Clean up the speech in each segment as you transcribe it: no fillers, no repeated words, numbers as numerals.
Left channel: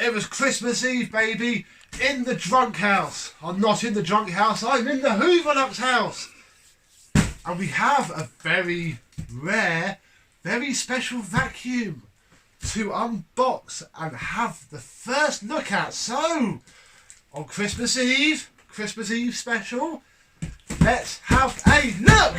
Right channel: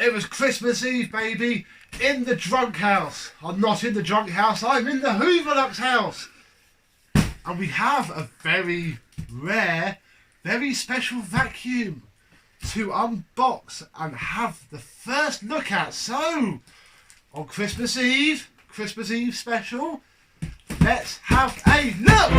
It was Christmas Eve, baby, in the drunk house. I'm not in the drunk house, I'm in the HooverLux house. And we have a very rare, very special vacuum to unbox and have the first look at. So, on Christmas Eve special, let's have a look!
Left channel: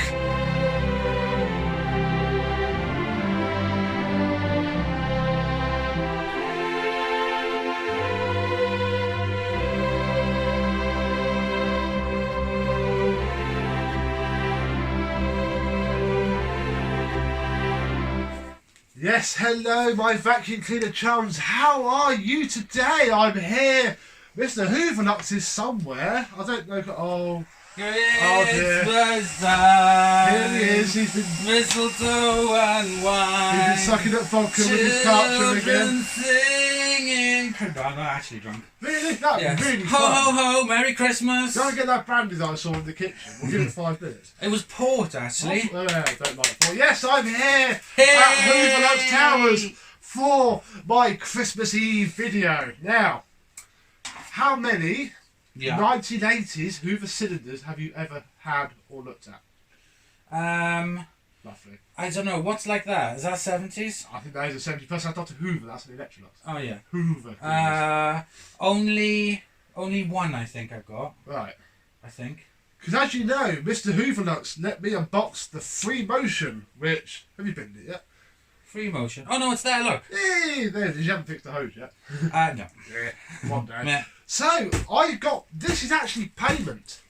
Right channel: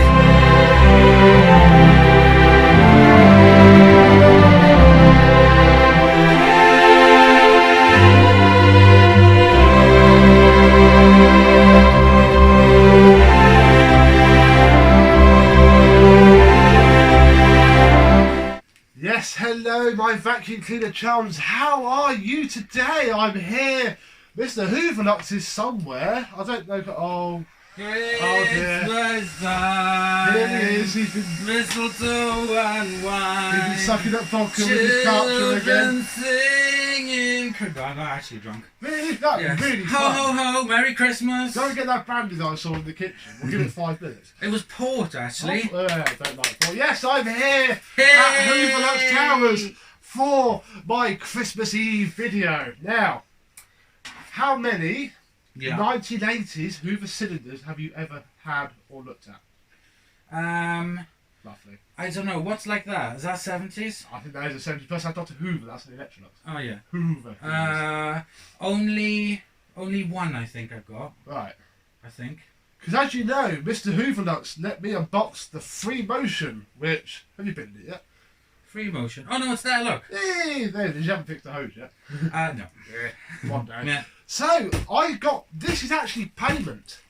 Yes, hello my vacuum cleaner chums, how are you today? I'm here. Mr HooverLux is somewhere. I don't know. Oh dear. Here he is. He's been mistletoe and wine. He's been sucking up vodka with his culture again. Singing. I'm not actually drunk. Really? That'd be really ho, fun. Ho ho ho! Merry Christmas. Go and get that brandy that I saw in the kitchen. We'll give it 5 minutes. It was port actually. Oh, I don't like port. Yes, I'm here Hey! at HooverLux Towers for my Christmas Eve video. Now, how many 1980s Hoover cylinders have you ever had or looked at? Roughly. I don't know. What's like that? Is that 70s? I think that is a 70. Plus, that's Dr. Hoover. That's an Electrolux. Oh yeah. Hoover. Only one I think I've got. Right. I think. Because as you know, Mr. HooverLux let me unbox the Free Motion, which have you been in it yet? Free motion. Oh no, it's there. Look. Hey, there it is. You haven't fixed the hose yet. No. One day. Yeah. So I got this is actually payment.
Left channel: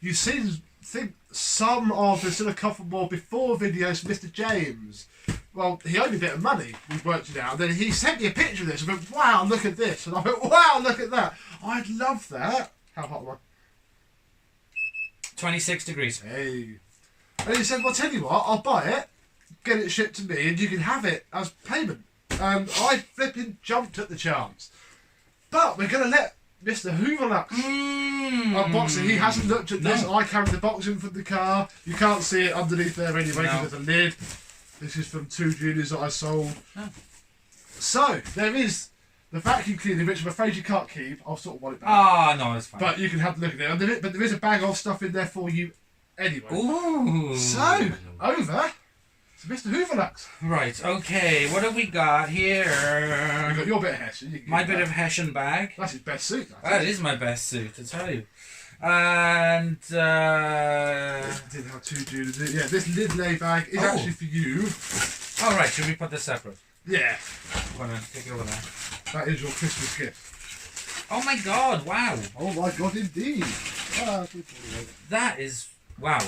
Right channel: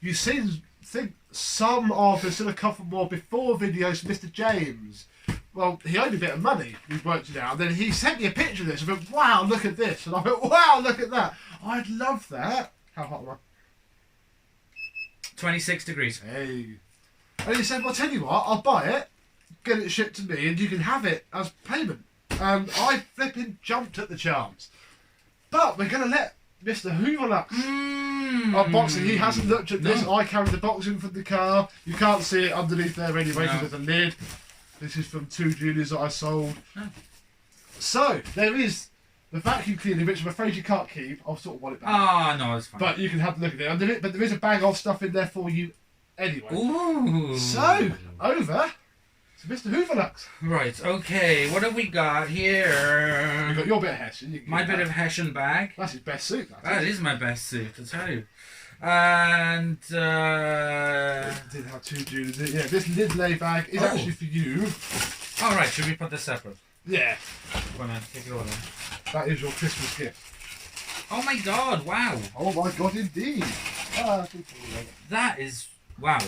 You think some of there's still a couple more before videos from Mr. James. Well, he owed me a bit of money. We worked it out. And then he sent me a picture of this. I went, wow, look at this. And I went, wow, look at that. I'd love that. How hot am I? 26 degrees. Hey. And he said, well, tell you what, I'll buy it, get it shipped to me, and you can have it as payment. And I flipping jumped at the chance. But we're going to let Mr. HooverLux unbox it. He hasn't looked at this. I carried the box in from the car. You can't see it underneath there anyway because there's a lid. This is from 2 juniors that I sold. Oh. So, there is the vacuum cleaner, which I'm afraid you can't keep. I'll sort of want it back. Ah, no, it's fine. But you can have a look at it under it. But there is a bag of stuff in there for you anyway. Ooh. So, over to Mr. HooverLux. Right, okay, what have we got here? You've got your bit of Hessian. My bit of Hessian bag. That's his best suit. That is my best suit, I tell you. And didn't have 2 juniors. Yeah, this lid lay bag is actually for you. Oh right, should we put this separate? Yeah. Go on then, take it over there. That is your Christmas gift. Oh my god, wow. Oh my god, indeed. That is, wow.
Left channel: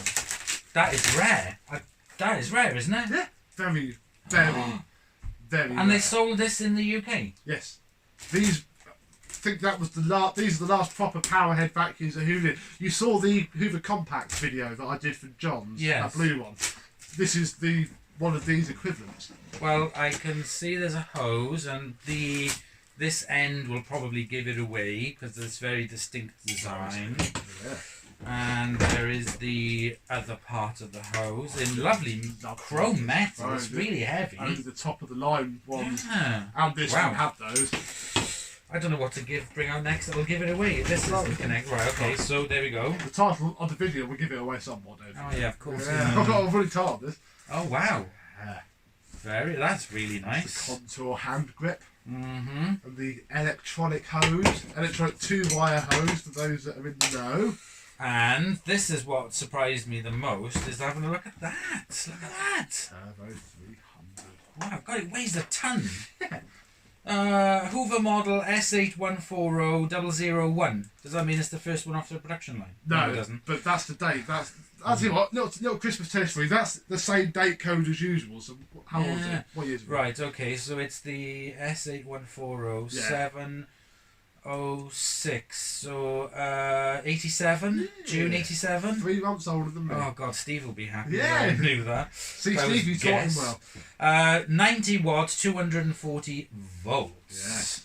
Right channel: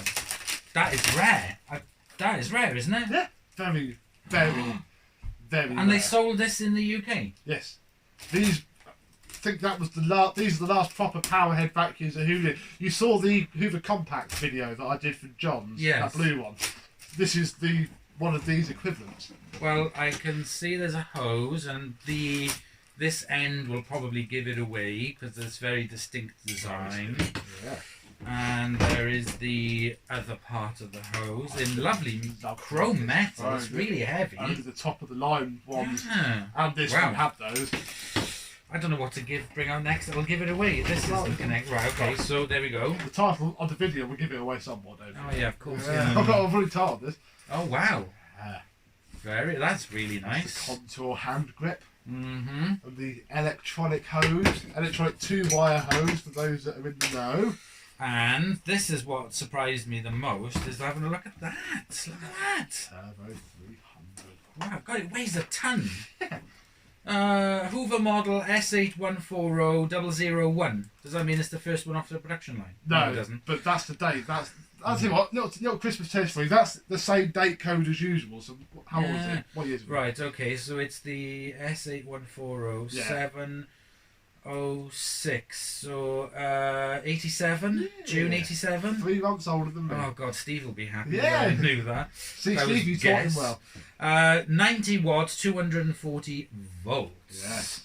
That is rare. That is rare, isn't it? Yeah. Very, very, very And rare. they sold this in the UK? Yes. These, I think that was the last, these are the last proper powerhead vacuums at Hoover. You saw the Hoover Compact video that I did for John's. Yes. That blue one. This is the one of these equivalents. Well, I can see there's a hose, and this end will probably give it away because it's very distinct design. Yeah. And there is the other part of the hose in lovely chrome metal. It's really heavy. Only the top of the line ones. Yeah. And this one have those. I don't know what to bring out next. That'll give it away. This is the connect. Right, okay, so there we go. The title of the video will give it away somewhat, don't Oh yeah, of course. Yeah. I've already told this. Oh wow. That's really The nice. contour hand grip. Mm-hmm. And the electronic hose. Electronic 2-wire hose for those that are in the know. And this is what surprised me the most, is having a look at that. Look at that. Turbo 300. Wow, God, it weighs a ton. Hoover model S8140001. Does that mean it's the first one off the production line? No, it doesn't. But that's the date. I'll tell you what, little Christmas test for you. That's the same date code as usual. So how old is it? What year is it? Right, okay, so it's the S81407. 06, so 87, June 87. 3 months older than me. Oh god, Steve will be happy. Yeah, I knew that. See, Steve, you taught him well. 90 watts, 240 volts. Yes.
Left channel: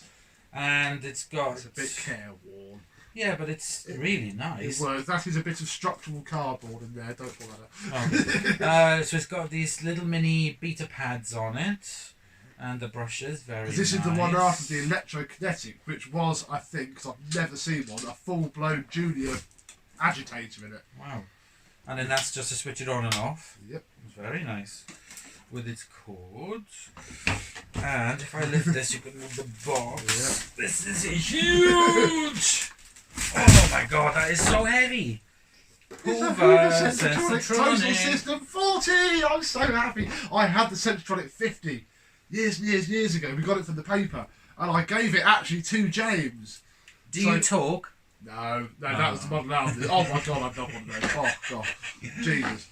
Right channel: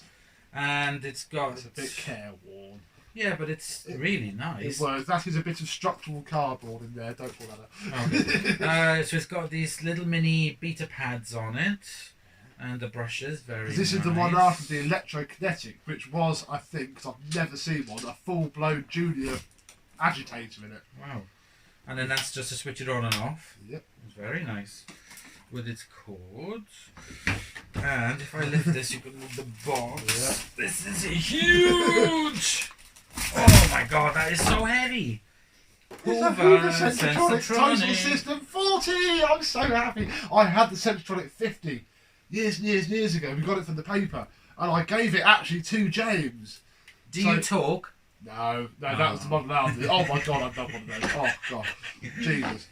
And it's got. It's a bit careworn. Yeah, but it's really nice. That is a bit of structural cardboard in there. Don't pull that up. Okay. So it's got these little mini beta pads on it. And the brushes, very This is nice. the one after the electrokinetic, which was, I think, because I've never seen one, a full-blown junior agitator in it. Wow. And then that's just to switch it on and off. Yep. It's very nice. With its cords. And if I lift this, you can move the box. Yep. This is huge! Oh my god, that is so heavy! Hoover Sensortronic Total System 40! I'm so happy. I had the Sensortronic 50 years ago. We got it from the paper. And I gave it actually to James. Do you talk? No, that was the model after. Oh my god, I've done one of those. Oh god. Jesus.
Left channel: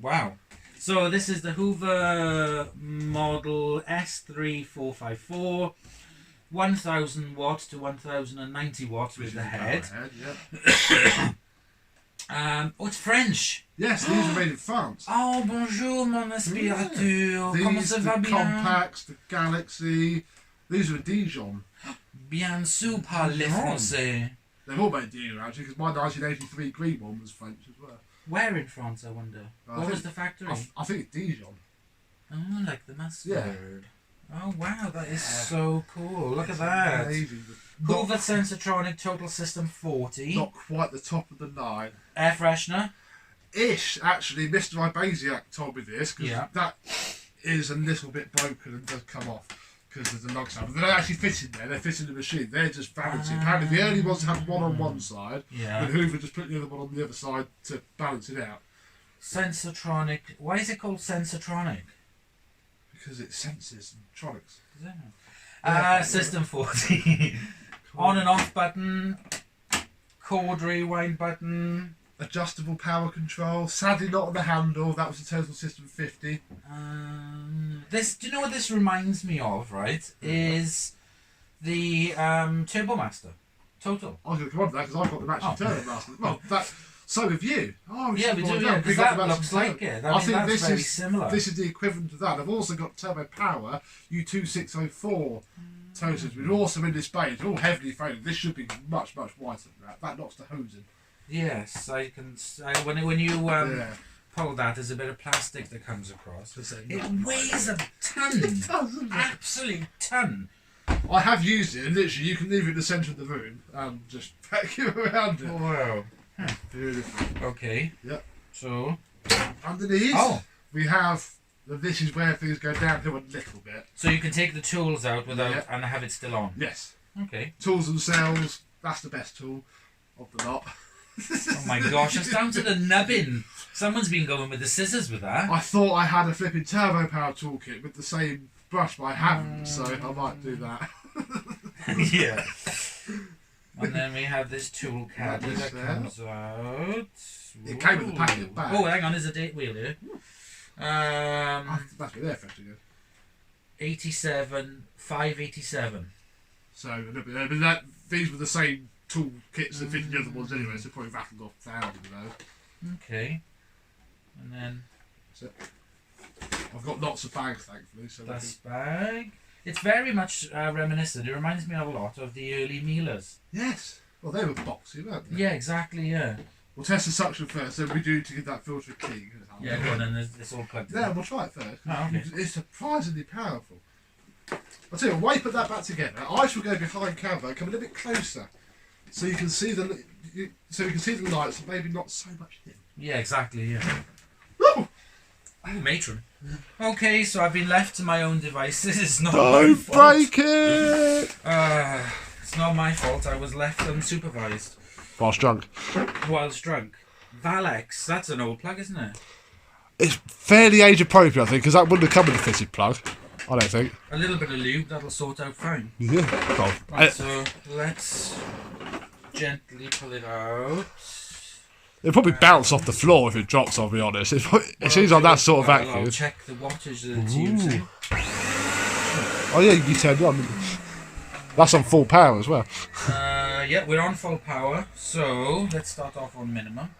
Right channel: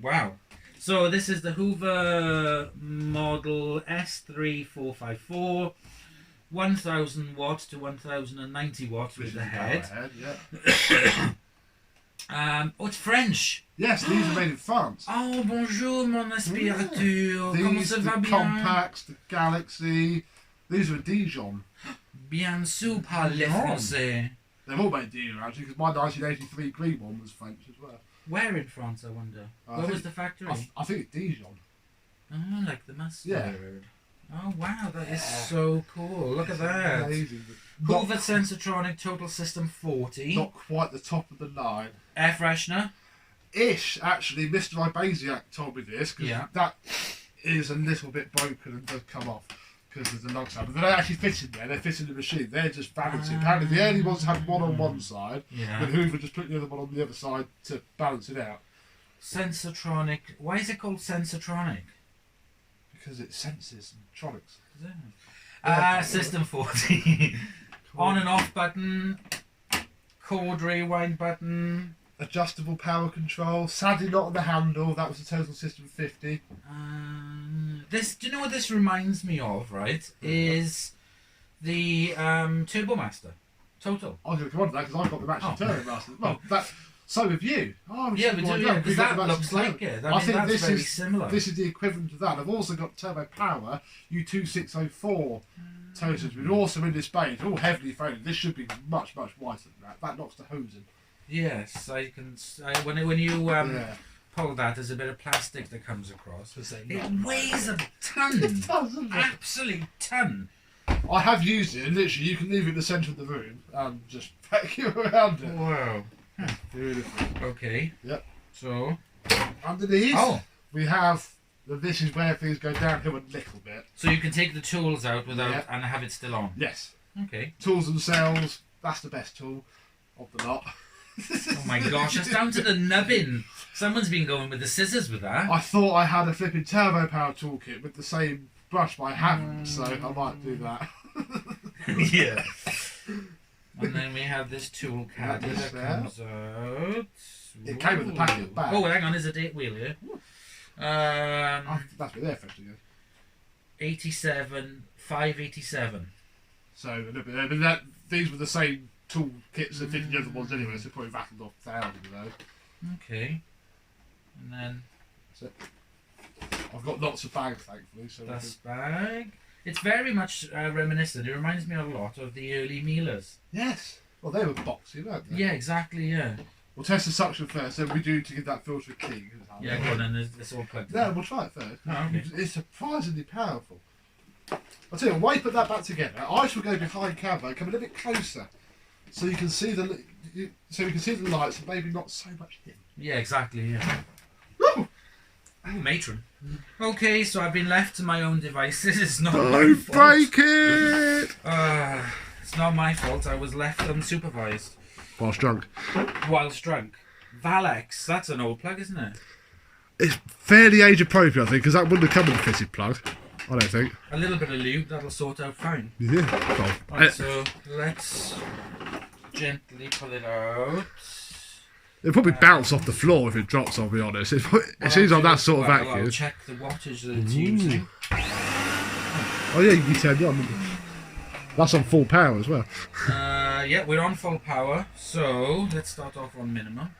Wow. So this is the Hoover model S3454. 1000 watts to 1090 watts with the head. Yeah. Oh, it's French. Yes, these are made in France. Oh, bonjour, mon aspirateur. Comment ça va the bien? Compacts, the Galaxy. These are Dijon. Bien sûr, parle français. They're all made in Dijon, actually, because my 1983 green one was French as well. Where in France, I wonder? What was the factory? I think it's Dijon. Oh, like the mustard. Yeah. Oh, wow, that is so cool. Look at that. Amazing. Hoover Sensortronic Total System 40. Not quite the top of the line. Air freshener. Ish, actually. Mr Ibasiak told me this, because that is a little bit broken and does come off because of the lug side. But they don't actually fit in there. They fit in the machine. They're just balancing. Apparently the early ones had one on one side, and Hoover just put the other one on the other side to balance it out. Sensortronic. Why is it called Sensortronic? Because it senses and tronics. System 40. On and off button. Chord rewind button. Adjustable power control. Sadly not on the handle. That was the Total System 50. This. Do you know what this reminds me of? Right, is the Turbo Master. Total. I was going to come on to that because I've got the matching Turbo Master. Well, that. So have you. Oh, yeah, we do. Yeah, because that looks like it. I think that's very similar. This is the equivalent of that. I've also got Turbo Power U2604 totals, which are also in this bay. It's all heavily folded. This should be much whiter than that. That knocks the hose in. Yes, I can. When you pull that, there's a bit of plastic that comes across. It weighs a ton. It does, absolute ton. I have used it, and literally you can leave it in the centre of the room and just vacuum around it. Wow. Beautiful. Okay. Yep. So underneath, we have. This is where things go downhill a little bit. So you can take the tools out without and have it still on. Yes. Okay. Tools themselves. That's the best tool of the lot. Oh my gosh! It's down to the nubbin. Someone's been going with the scissors with that. I thought I had a flipping Turbo Power toolkit with the same brush, but I haven't, so I might do that. Yeah. And then we have this tool caddy that comes out. It came with the packet bag. Oh, hang on, there's a date wheel here. That's where they're fresh to go. 87, 587. So, these were the same tool kits that fit in the other ones anyway, so probably rattled off thousands of those. Okay. And then... That's it. I've got lots of bags, thankfully. So this bag. It's very much reminiscent. It reminds me a lot of the early Miele's. Yes. Well, they were boxy, weren't they? Yeah, exactly, yeah. We'll test the suction first, then we do to get that filter clean. Yeah, go on, and it's all plugged in. Yeah, we'll try it first. Oh, okay. It's surprisingly powerful. I'll tell you, while you put that back together, I shall go behind camera and come a little bit closer, so you can see the lights, and maybe not so much him. Yeah, exactly, yeah. Woo! Ooh, matron. Okay, so I've been left to my own devices. It's not Don't my fault. break it! It's not my fault. I was left unsupervised. Whilst drunk. Whilst drunk. Valex, that's an old plug, isn't it? It's fairly age appropriate, I think, because that wouldn't have come with a fitted plug. I don't think. A little bit of lube, that'll sort out fine. Yeah. Cool. Right, so let's gently pull it out. It'll probably bounce off the floor if it drops, I'll be honest. It seems like that sort of vacuum. I'll check the wattage that it's using. Oh yeah, you can turn it on. That's on full power as well. Yeah, we're on full power, so let's start off on minimum.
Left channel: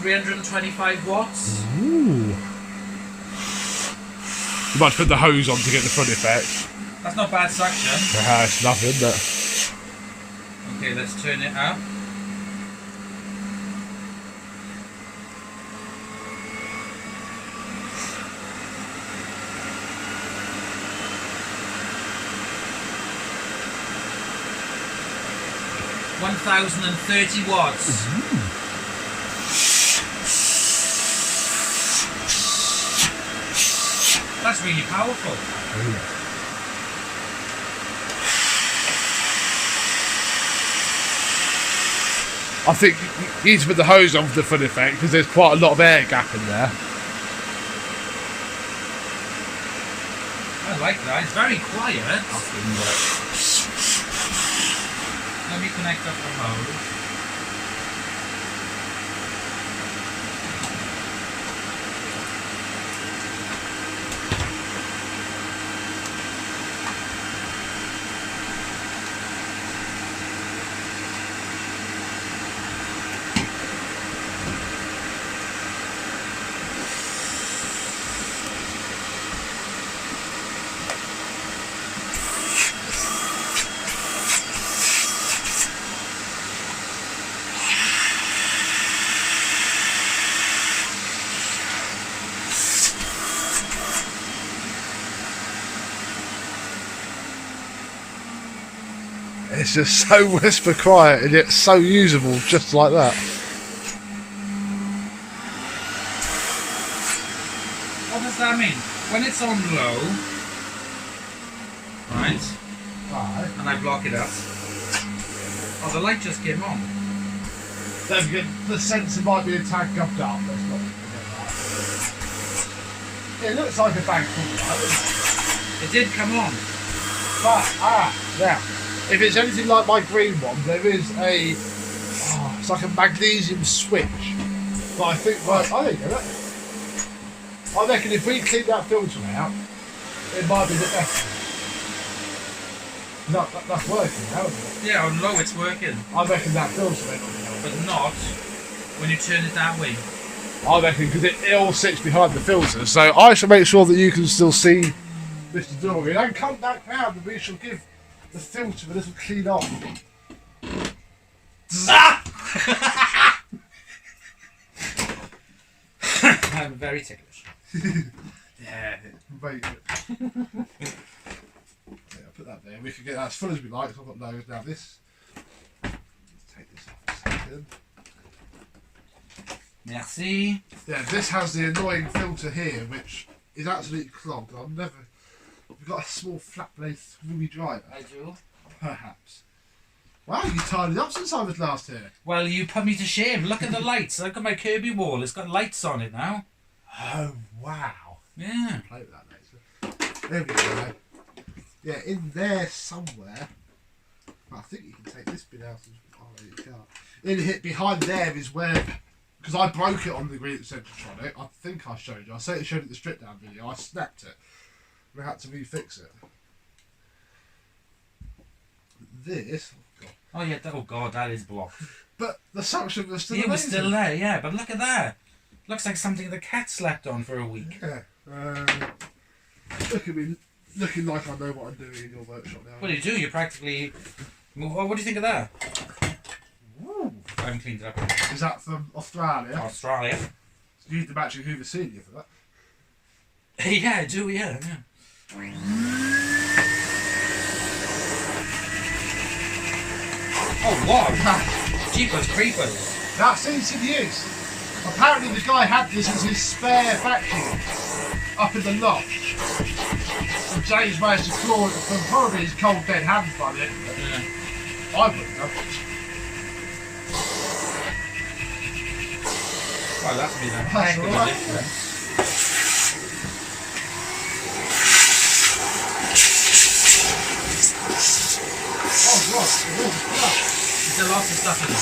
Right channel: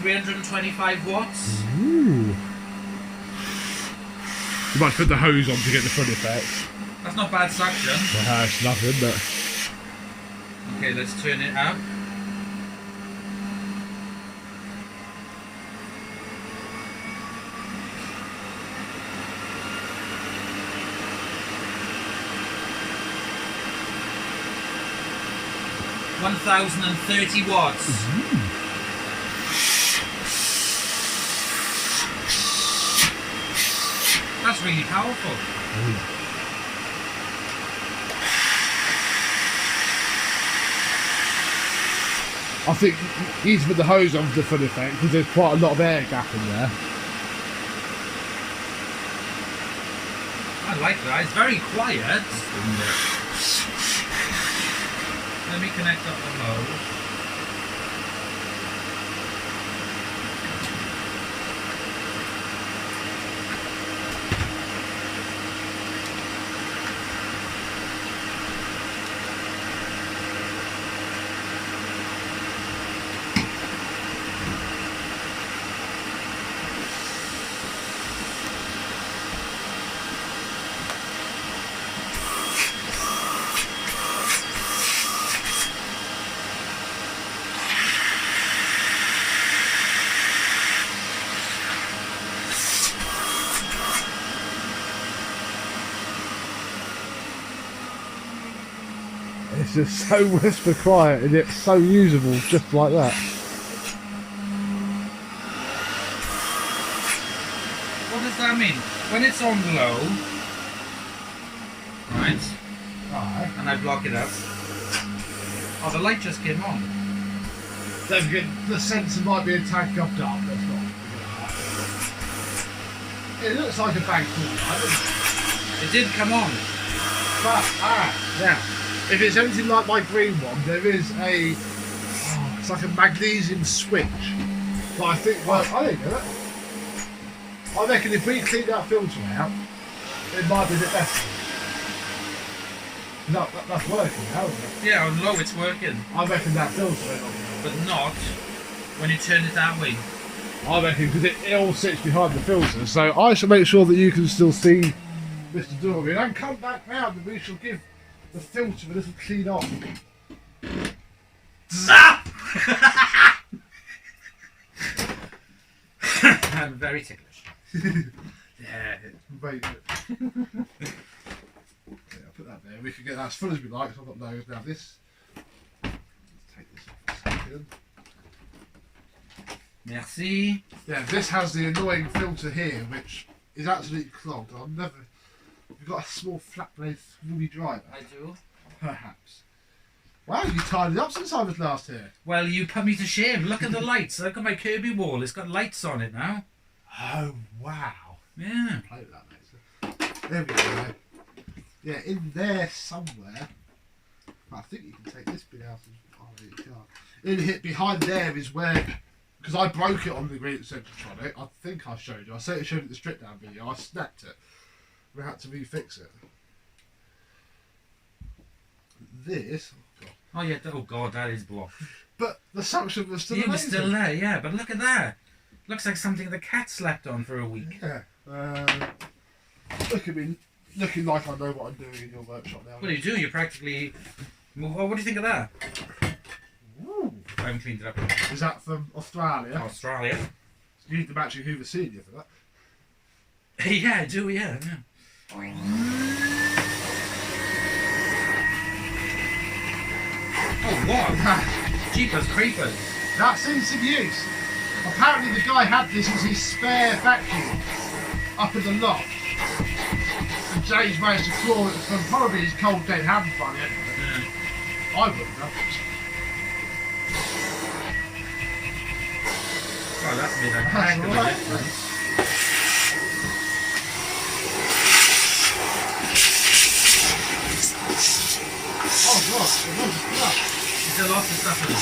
$325 watts. Ooh. You might put the hose on to get the fun effect. That's not bad suction. It's nothing, isn't it? Okay, let's turn it up. 1030 watts. That's really powerful. I think you need to put the hose on for the full effect because there's quite a lot of air gap in there. I like that. It's very quiet. Let me connect up the hose. It's just so whisper quiet and yet so usable, just like that. What does that mean? When it's on low, right? Alright. And I block it out. Oh, the light just came on. Don't forget, the sensor might be a tad gummed up. That's not. It looks like a bank full light. It did come on. But, now, if it's anything like my green one, there is a, it's like a magnesium switch. But I think, well, I don't get it. I reckon if we clean that filter out, it might be a bit better. That's working now, isn't it? Yeah, on low it's working. I reckon that filter ain't on. But not when you turn it that way. I reckon because it all sits behind the filter, so I shall make sure that you can still see Mr Dorian and come back round and we shall give the filter a little clean off. I'm very ticklish. Yeah. Wait. Yeah, I'll put that there. We can get that as full as we like. So I've got loads now. This. Let's take this off a second. Merci. Yeah, this has the annoying filter here, which is absolutely clogged. I'll never. We've got a small flat blade ruby driver. I do. Perhaps. Wow, you tidied up since I was last here. Well, you put me to shame. Look at the lights. Look at my Kirby wall. It's got lights on it now. Oh, wow. Yeah. Play with that later. There we go. Yeah, in there somewhere. I think you can take this bit out. Oh, no, you can't. In here, behind there is where, because I broke it on the Green Centritronic. I think I showed you. I certainly showed it in the strip down video. I snapped it. We had to refix it. This. Oh, God. Oh yeah. Oh God, that is blocked. But the suction was still It was amazing. still there. Yeah, but look at that. Looks like something the cat slept on for a week. Yeah. Look at me, looking like I know what I'm doing in your workshop now. What do you do? You practically. What do you think of that? Ooh. I haven't cleaned it up. Is that from Australia? Australia. You need to match your Hoover Senior for that. Yeah, I do. Yeah. Oh what? Jeepers creepers. That seems in use. Apparently the guy had this as his spare vacuum up in the loft. And James managed to claw it from probably his cold dead hands by the end of it. Yeah. I wouldn't have. Well, that's been a That's heck of a alright. difference. Oh God, There's lots of stuff in it.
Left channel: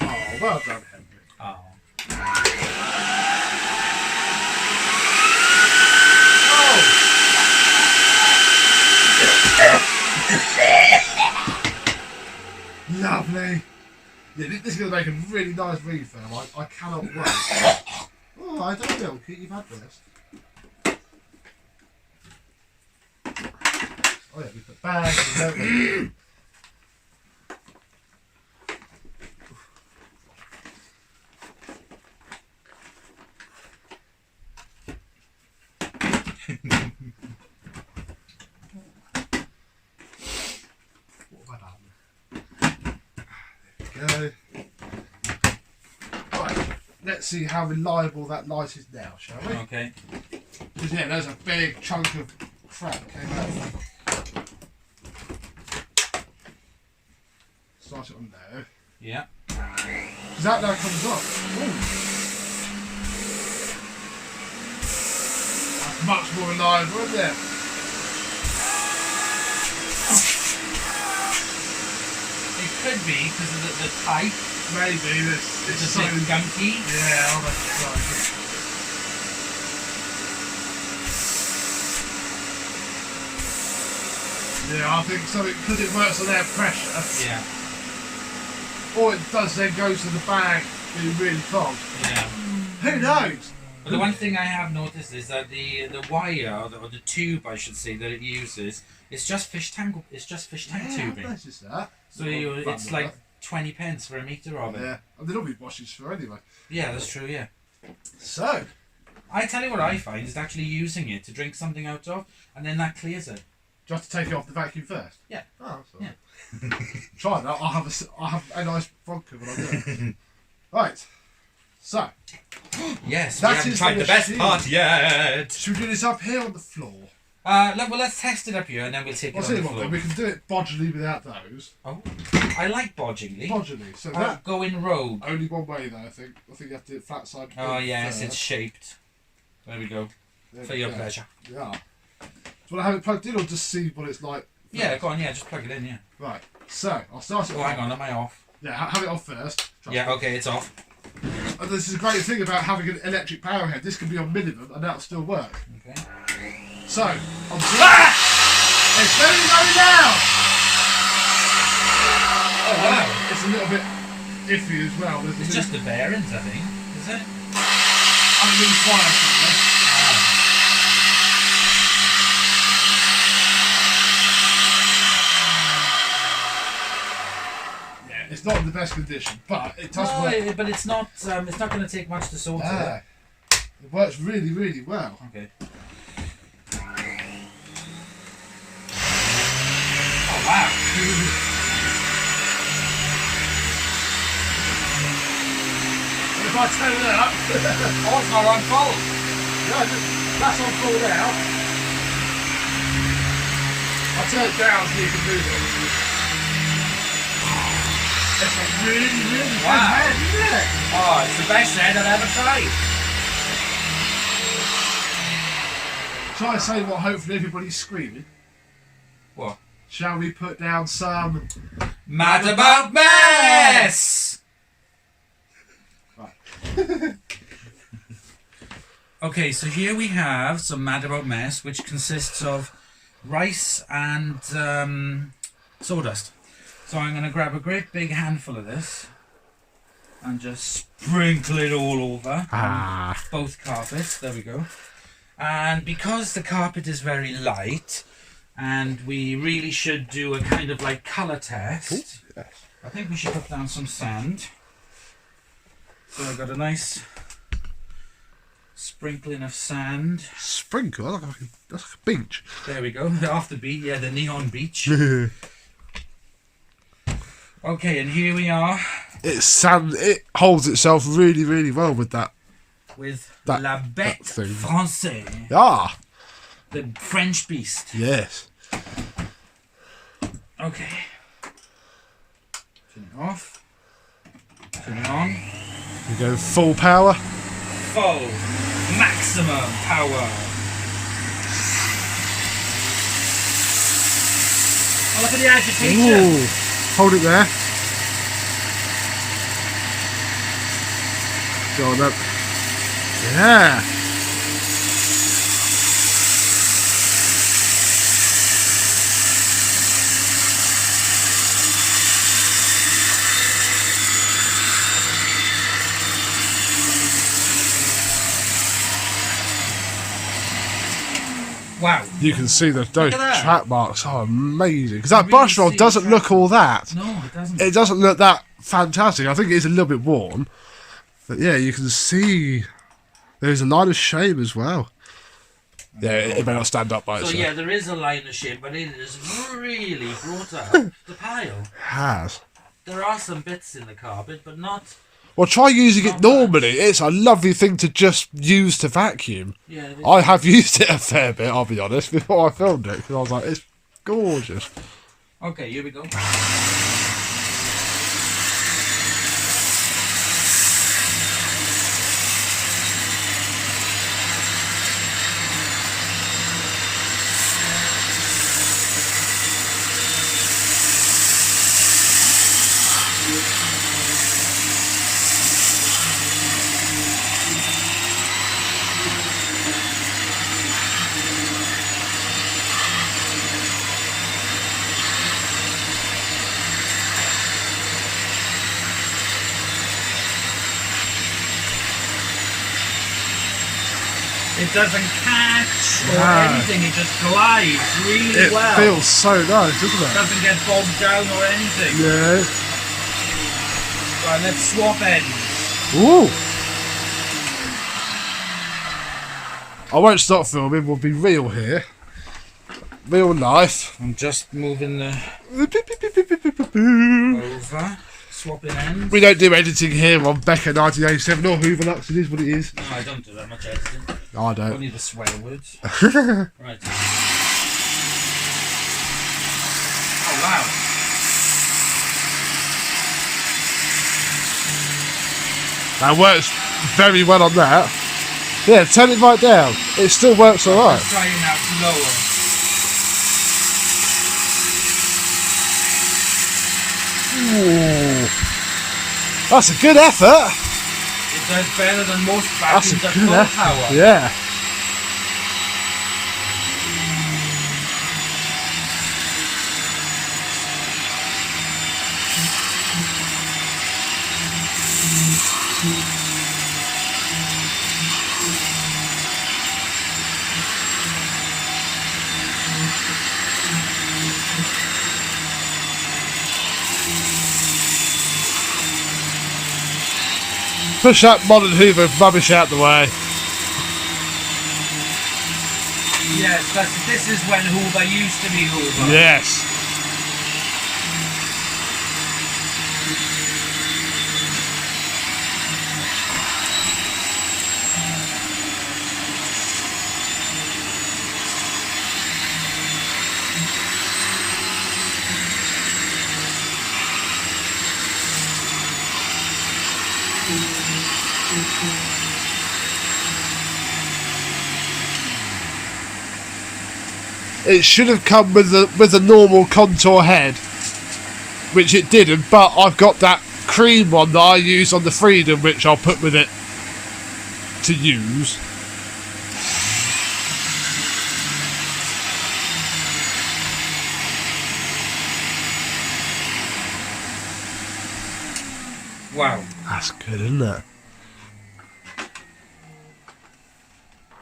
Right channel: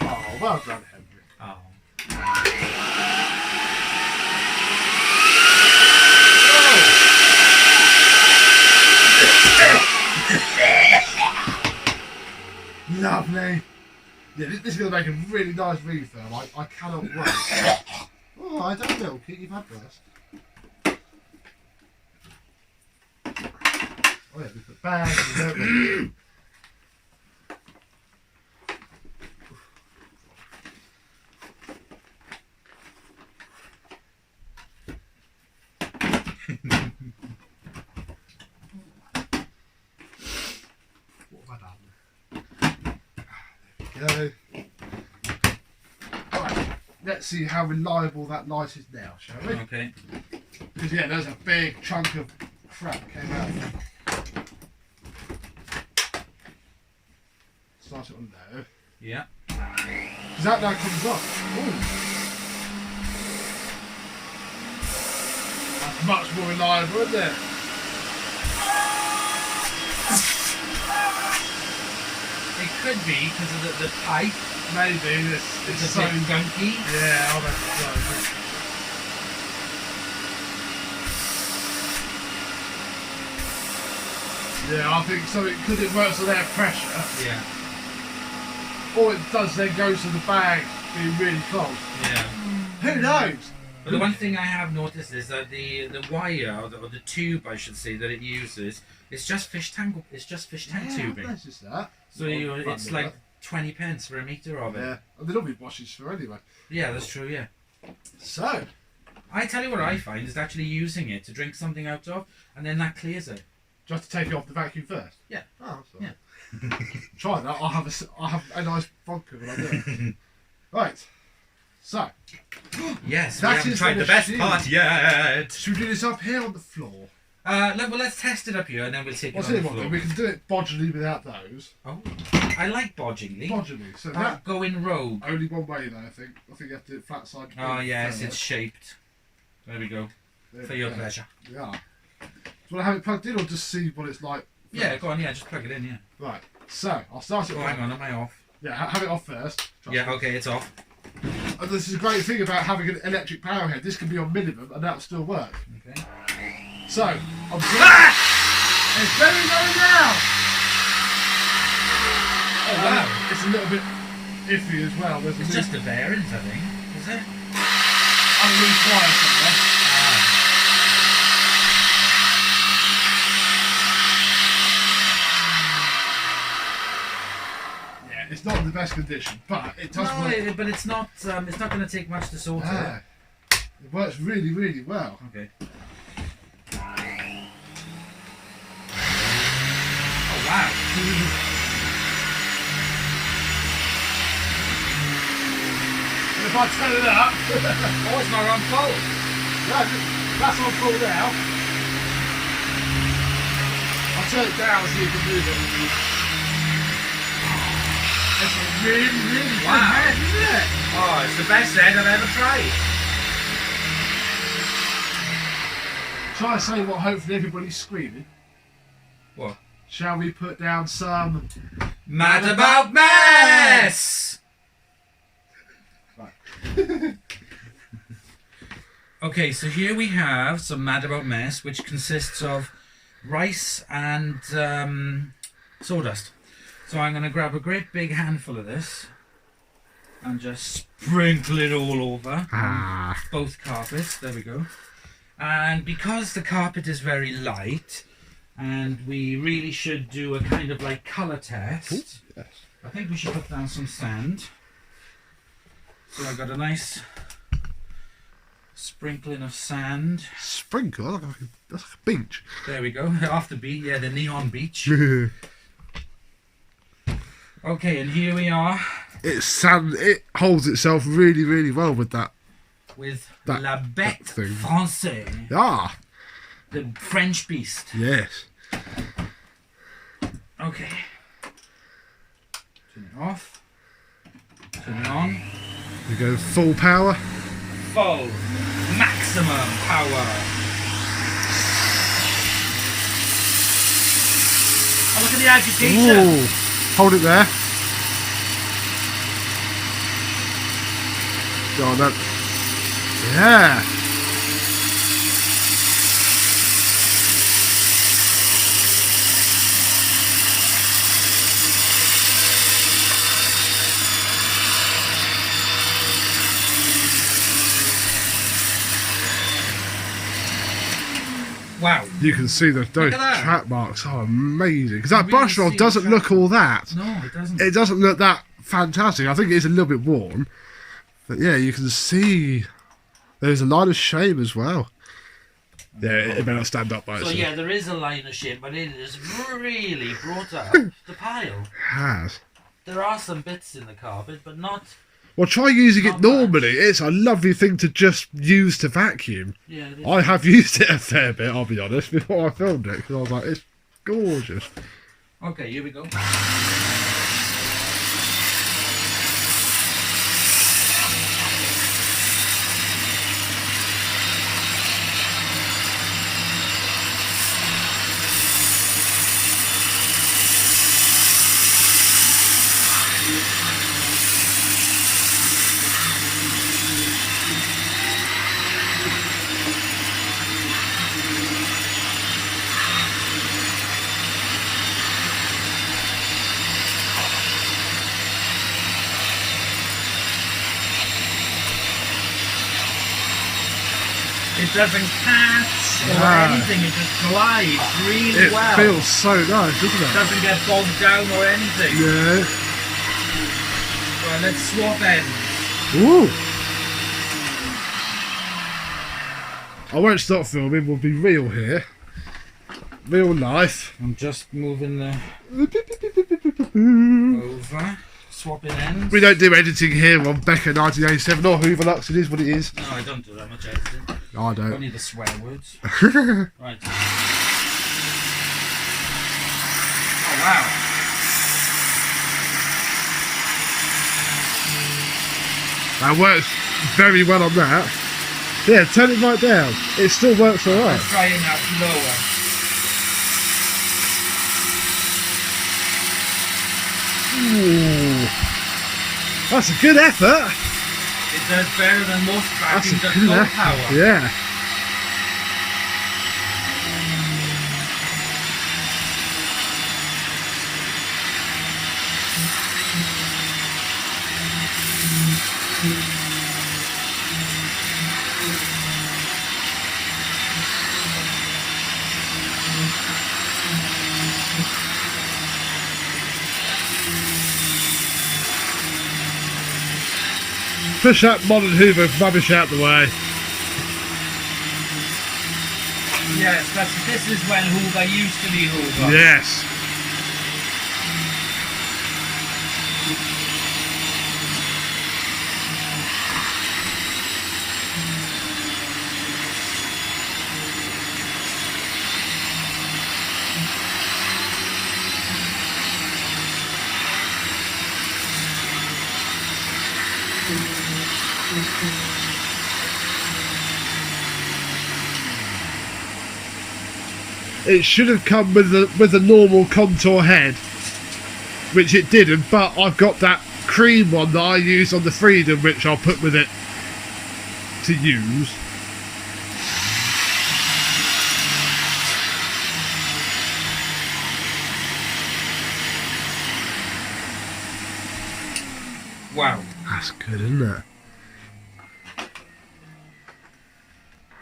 Oh, well done, Henry. Oh. Lovely. Yeah, this is going to make a really nice refurb. I cannot wait. Oh, I don't know, Kit, you've had worse. Oh yeah, we put bags and everything. go. Right, let's see how reliable that light is now, shall we? Okay. Because yeah, there's a big chunk of crap came out. Start it on low. Yeah. Because that now comes up. Ooh. That's much more reliable, isn't it? It could be because of the pipe. Maybe this It's is a bit gunky. Yeah, I'll bet it's so. Yeah, I think so because it works on air pressure. Yeah. All it does then goes to the bag being really clogged. Yeah. Who knows? But the one thing I have noticed is that the wire or the tube, I should say, that it uses, it's just fish tank. It's just fish tank tubing. That's just that. So it's like 20 pence for a metre of it. Yeah, and they don't be washes for anyway. Yeah, that's true. Yeah. So, I tell you what I find is actually using it to drink something out of, and then that clears it. do you have to take it off the vacuum first? Yeah. Oh, that's all Yeah. right. Try that. I'll have a nice vodka when I do it. Right. So, Yes, That we haven't is tried the the best machine. part yet. should we do this up here on the floor? Let's test it up here, and then we'll take I'll it tell on you the what, floor. then we can do it bodily without those. Oh, I like bodgily. Bodily. So that Going rogue. only one way though. I think you have to do it flat side. Oh yes, first. it's shaped. There we go. There For we your go. pleasure. Yeah. Do you want to have it plugged in or just see what it's like? Yeah, first? go on. Yeah, just plug it in. Yeah. Right. So I'll start it. Oh, hang on. Am I off? Yeah, have it off first. Trust Yeah. me. Okay, it's off. And this is a great thing about having an electric power head. This can be on minimum and that'll still work. Okay. So, I'm it's very low. Oh wow. It's a little bit iffy as well. There's a It's little just the bearings, I think. Is it? unloose wire somewhere. Yeah, it's not in the best condition, but it does work. No, but it's not. It's not going to take much to sort it. Ah, it works really, really well. Okay. Oh wow. If I turn it up, Oh, it's not on full. yeah, that's on full now. I'll turn it down so you can move it. It's a really, really good Wow. head, isn't it? Oh, it's the best head I've ever tried. Shall I say what hopefully everybody's screaming? What? Shall we put down some... Mad about mess. Right. Okay, so here we have some Mad About Mess, which consists of rice and sawdust. So I'm going to grab a great big handful of this and just sprinkle it all over both carpets. There we go. And because the carpet is very light and we really should do a kind of like colour test, I think we should put down some sand. So I've got a nice sprinkling of sand. Sprinkle? That's like a beach. There we go. Off the beach, yeah, the neon beach. Okay, and here we are It's sand. It holds itself really, really well with that. with That- La that Bête thing. Française, Ah, the French beast. yes. Okay. Turn it off. Turn it on. We go full power. Full. Maximum power. Oh, look at the agitation. Ooh. Hold it there. Go on then. Yeah. Wow. You can see those at that. track marks are amazing. Because that really brush roll see the doesn't track look all that. No, it doesn't. It doesn't look that fantastic. I think it is a little bit worn. But yeah, you can see there's a line of shame as well. Yeah, it may not stand up by So itself. yeah, there is a line of shame, but it is really brought up the pile. It has. there are some bits in the carpet, but not. Well, try using it Not normally. It's a lovely thing to just use to vacuum. Yeah. It is. I have used it a fair bit, I'll be honest, before I filmed it, because I was like, it's gorgeous. Okay, here we go. It doesn't catch or anything, it just glides really well. It feels so nice, doesn't it? Doesn't get bogged down or anything. Yeah. Right, let's swap ends. Ooh. I won't stop filming, we'll be real here. Real life. I'm just moving the over. Swapping ends. We don't do editing here on Beko1987 or HooverLux, it is what it is. No, I don't do that much editing. I don't. Only the swear words. Right. Oh wow. That works very well on that. Yeah, turn it right down. It still works alright. Let's try it now, lower. Ooh. That's a good effort. It does better than most That's a vacuums at good full effort. power. Yeah. Push that modern Hoover rubbish out the way. Yes, because this is when Hoover used to be Hoover. Yes. It should have come with a normal contour head, which it didn't, but I've got that cream one that I use on the Freedom, which I'll put with it to use. Wow. That's good, isn't it?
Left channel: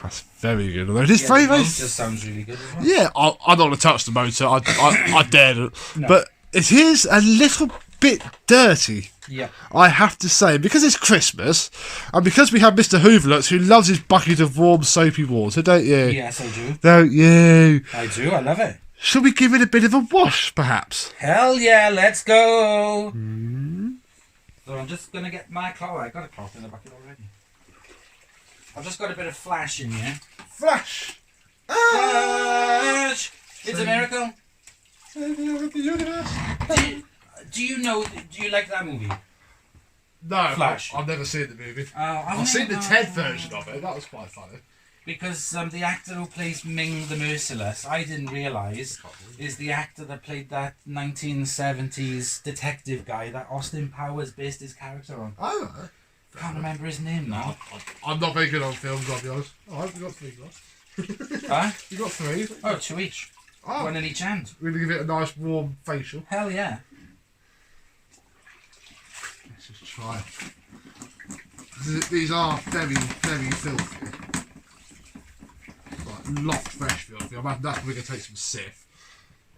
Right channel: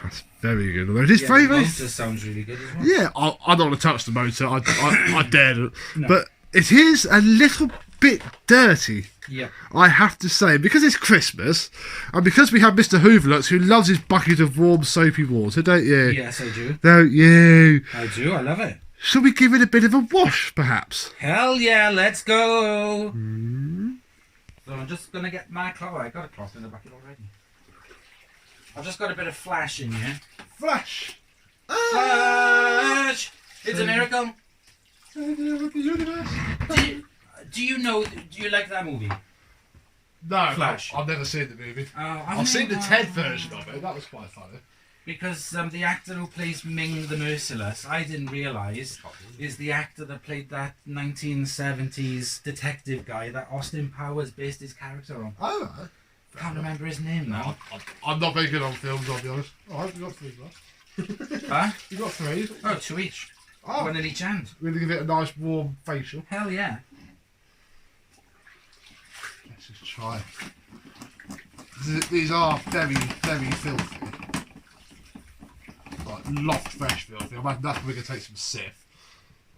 That's very good. Although it is very, the very. motor sounds really good as well. Yeah, I'm not going to touch the motor. I daren't. No. But it is a little bit dirty. Yeah. I have to say, because it's Christmas, and because we have Mr HooverLux, who loves his bucket of warm soapy water, don't you? Yes, I do. Don't you? I do. I love it. Shall we give it a bit of a wash, perhaps? Hell yeah, let's go. Mm. So I'm just going to get my cloth. I got a cloth in the bucket already. I've just got a bit of flash in here. Flash! Flash! It's a miracle. Savior of the universe. Do you like that movie? No, Flash. I've never seen the movie. I've I've seen the TED version of it. That was quite funny. Because the actor who plays Ming the Merciless, I didn't realise, is the actor that played that 1970s detective guy that Austin Powers based his character on. Oh, Can't remember his name now. I'm not very good on films, I'll be honest. Oh, you got 3 glass. Huh? You got 3. Oh, 2 each. Oh, One in each hand. we're going to give it a nice warm facial. Hell yeah. Let's just try. These are very, very filthy. Like loft fresh filthy. I imagine that's where we're going to take some Sif.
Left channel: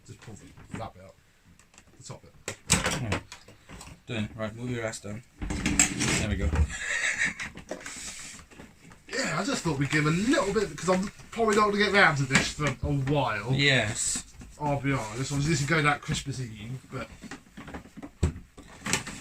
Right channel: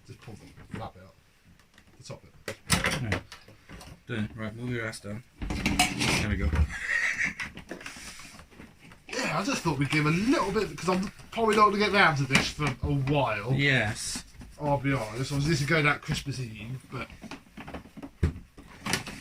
Just pull that bit up. The top bit. No. Done. Right, move your ass down. There we go. Yeah, I just thought we'd give a little bit, because I'm probably not going to get round to this for a while. Yes. I'll be honest. Obviously, this is going out Christmas Eve, but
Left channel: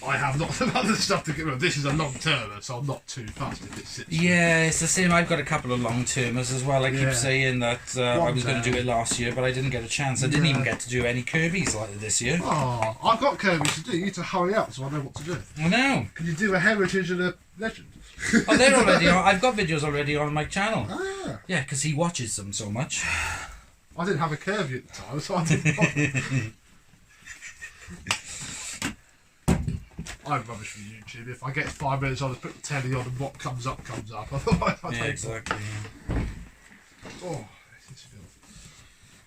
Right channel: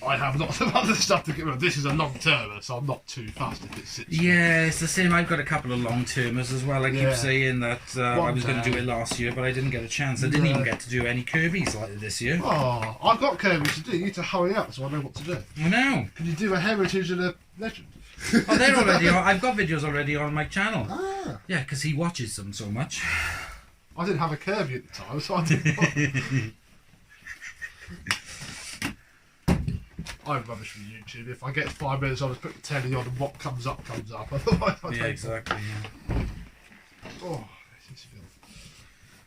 I have lots of other stuff to get rid of. This is a long termer, so I'm not too fussed if it sits. Yeah, it's the same. I've got a couple of long termers as well. I keep saying that I was going to do it last year, but I didn't get a chance. I didn't even get to do any Kirby's like this year. Oh, I've got Kirby's to do. You need to hurry up so I know what to do. I know. Can you do a heritage and a legend? Oh, they're already on. I've got videos already on my channel. Ah. Yeah, because he watches them so much. I didn't have a Kirby at the time, so I didn't bother. I'm rubbish for YouTube. If I get 5 minutes, I'll just put the telly on and what comes up comes up. Otherwise, I don't. Exactly. Yeah. Oh, this is filth.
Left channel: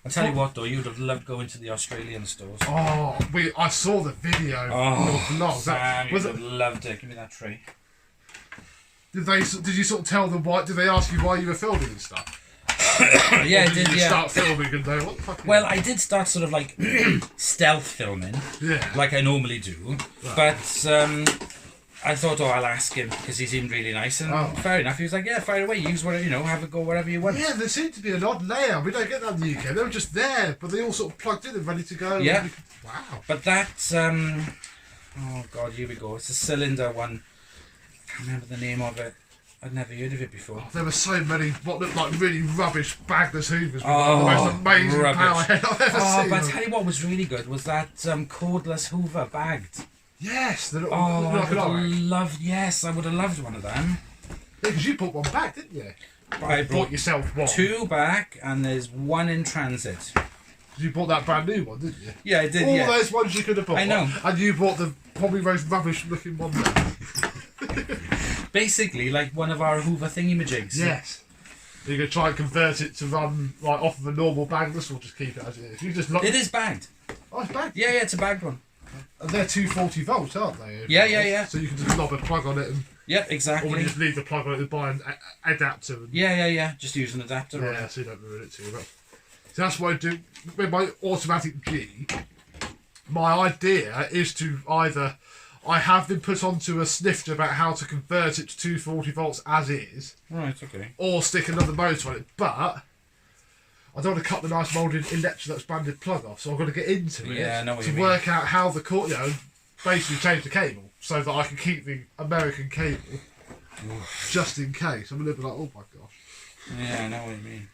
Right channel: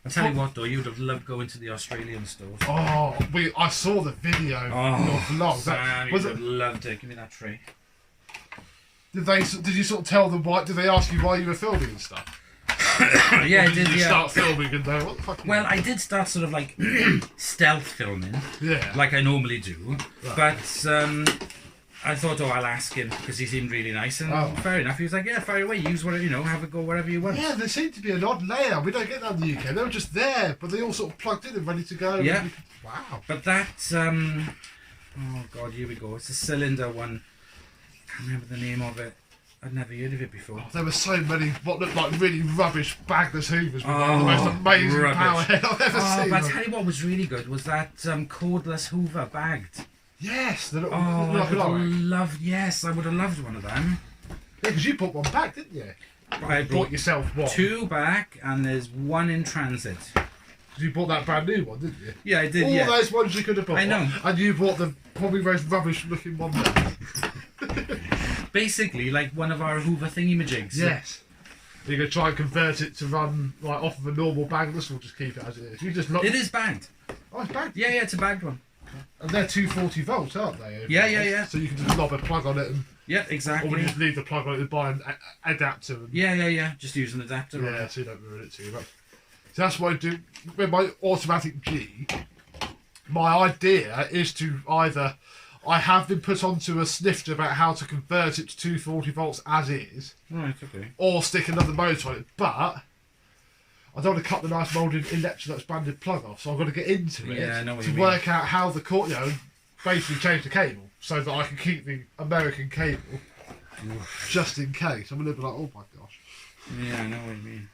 I tell you what, though, you'd have loved going to the Australian stores. Oh, I saw the video. Your vlog. Sam, you'd have loved it. Give me that tray. Did you sort of tell them why? Did they ask you why you were filming and stuff? Yeah, I did. You start filming and go, what the fuck? Well, I did start sort of like stealth filming, like I normally do. Right. But I thought, I'll ask him because he seemed really nice, and fair enough. He was like, yeah, fire away, use whatever, have a go wherever you want. Yeah, there seemed to be an odd layout. We don't get that in the UK. They were just there, but they all sort of plugged in and ready to go. Yeah. Wow. But that, oh god, here we go. It's a cylinder one. I can't remember the name of it. I'd never heard of it before. Oh, there were so many what looked like really rubbish bagless Hoovers with like the most amazing rubbish. power head I've ever seen. But I tell you what was really good was that cordless Hoover bagged. Yes, the little, I would have loved one of them. Yeah, because you bought one back, didn't you? I bought yourself one. 2 back, and there's 1 in transit. You bought that brand new one, didn't you? Yeah, I did. All those ones you could have bought. I know. And you bought the probably most rubbish looking one there. Basically, like one of our Hoover thingy-majigs. Yes. You can try and convert it to run like off of a normal bagless, or just keep it as it is. You just look. It is bagged. Oh, it's bagged. Yeah, it's a bagged one. And they're 240 volts, aren't they? Yeah. So you can just knob a plug on it and. Yeah, exactly. Or would you just leave the plug on it and buy an adapter? And, yeah. Just use an adapter. Yeah, so you don't ruin it too much. So that's what I do with my automatic G. My idea is to either. I have been put onto a snifter about how to convert it to 240 volts as is. Right, okay. Or stick another motor on it. But I don't want to cut the nice moulded Electrolux branded plug off, so I've got to get into it to work out how the cord, basically change the cable so that I can keep the American cable just in case. I'm a little bit like, oh my gosh. Yeah, I know what you mean.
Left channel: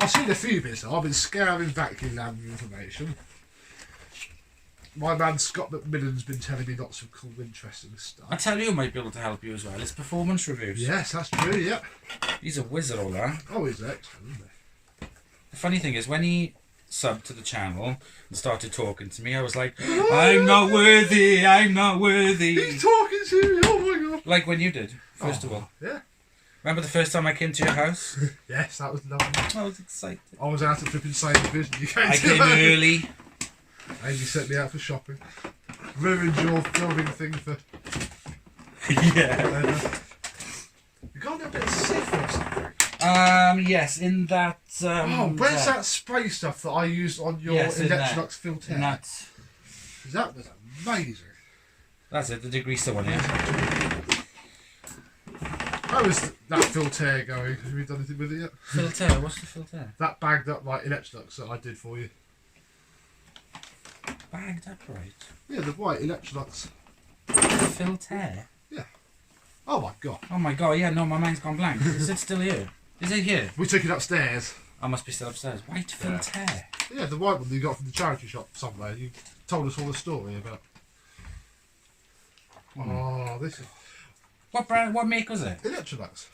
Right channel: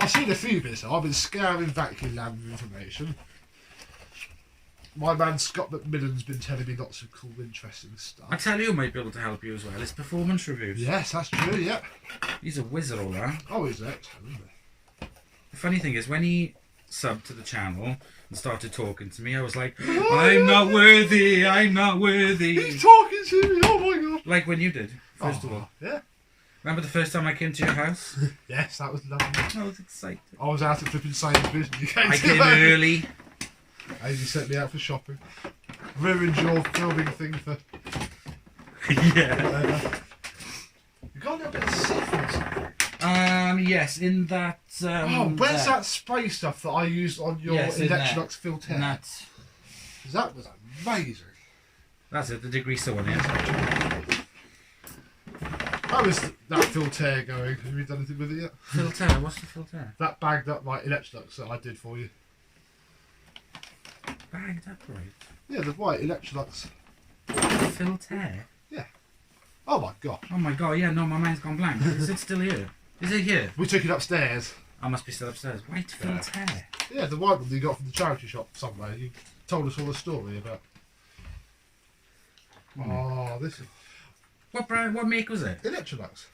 I've seen a few bits. I've been scouring Vacuum Lab with information. My man Scott McMillan's been telling me lots of cool, interesting stuff. I tell you who might be able to help you as well. It's performance reviews. Yes, that's true, yep. He's a wizard, all that. Oh, he's excellent, isn't he? The funny thing is, when he subbed to the channel and started talking to me, I was like, I'm not worthy, I'm not worthy. He's talking to me, oh my god. Like when you did, first of all. Yeah. Remember the first time I came to your house? Yes, that was lovely. I was excited. I was out at flipping Sainsbury's and you came I came early. And you sent me out for shopping. Ruined your filming thing for... Yeah. You got a little bit of Sif or something? Yes, in that... where's that spray stuff that I used on your Electrolux filter? Because that was amazing. That's it, the degreaser one, yeah. How is that filter going? Have you done anything with it yet? Filter? What's the filter? That bagged up like Electrolux that I did for you. Bagged up, right? Yeah, the white Electrolux. Filter? Yeah. Oh my god. Oh my god, yeah, no, my mind's gone blank. Is it still here? Is it here? We took it upstairs. I must be still upstairs. White filter? Yeah, the white one that you got from the charity shop somewhere. You told us all the story about. Oh, this is... What brand, what make was it? Electrolux.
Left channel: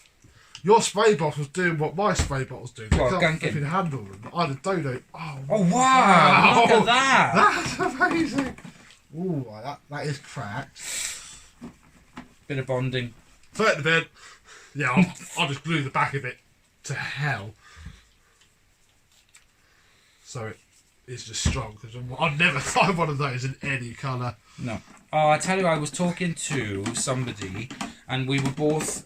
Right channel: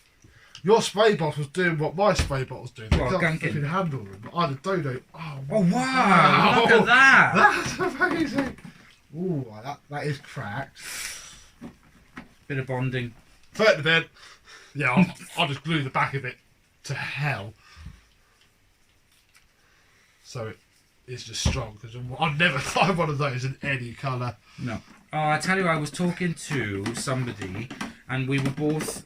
Your spray bottle was doing what my spray bottle was doing. They can't flipping handle them. I had a donate. Oh wow! Look at that! That's amazing. Ooh, that is cracked. Bit of bonding. Throw it to bed. Yeah, I'll just glue the back of it to hell. So it is just strong because I'd never find one of those in any colour. No. Oh, I tell you, I was talking to somebody, and we'd both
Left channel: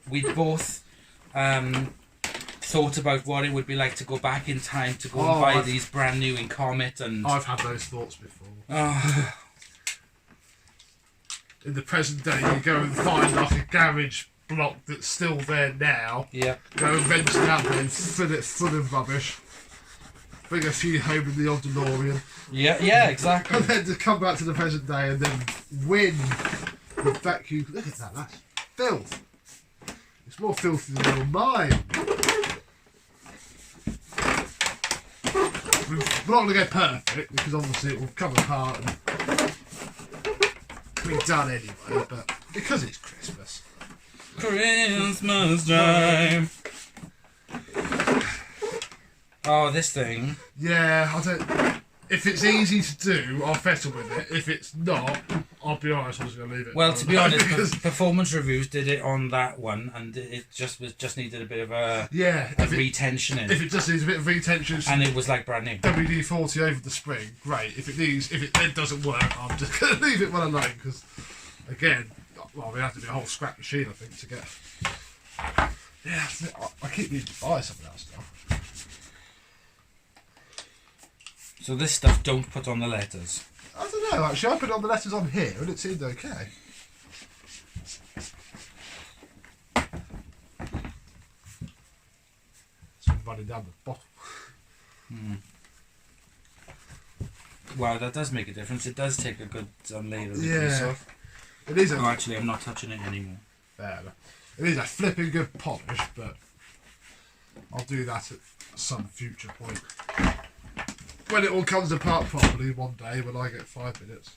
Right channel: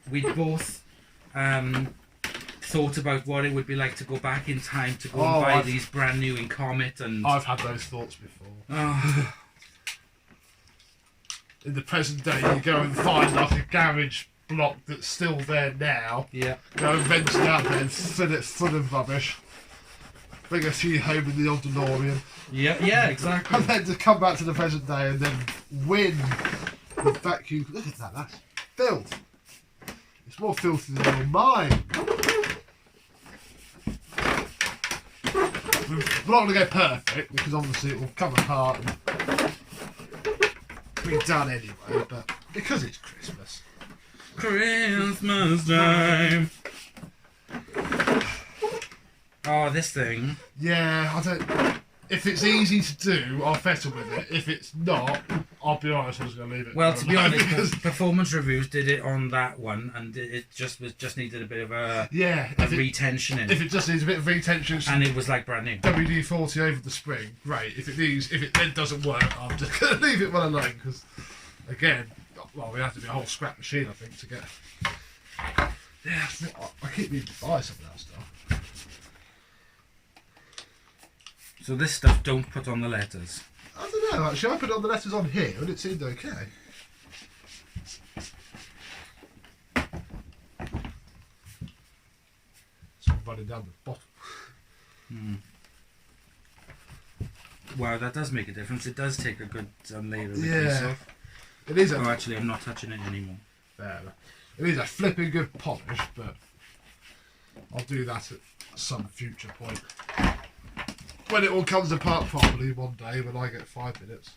thought about what it would be like to go back in time to go and buy these brand new in Comet, and I've had those thoughts before. Oh. In the present day, you go and find like a garage block that's still there now. Yeah. Go and rent it out there and fill it full of rubbish. bring a few home in the old DeLorean. Yeah, exactly. And then to come back to the present day and then win the vacuum. Look at that, that's filth. It's more filthy than your mind. We're not going to go perfect because obviously it will come apart and be done anyway, but because it's Christmas. Christmas time. Oh, this thing. Yeah, I don't. If it's easy to do, I'll settle with it. If it's not, I'll be honest, I'm just going to leave it. Well, to be honest, Performance Reviews did it on that one, and it just needed a bit of a retention in. If it just needs a bit of retention, and it was like brand new. WD-40 over the spring, great. If it then doesn't work, I'm just going to leave it well alone because, again, well, we have to be a whole scrap machine, I think, to get. Yeah, I keep needing to buy some of that stuff. So this stuff don't put on the letters. I don't know, actually. I put on the letters on here and it seemed okay. It's all running down the bottom. Wow, that does make a difference. It does take a good layer of this off. It is. Actually, I'm not touching it anymore. There. It is a flipping good polish, but I'll do that at some future point. When it all comes apart properly one day, when I get 5 minutes.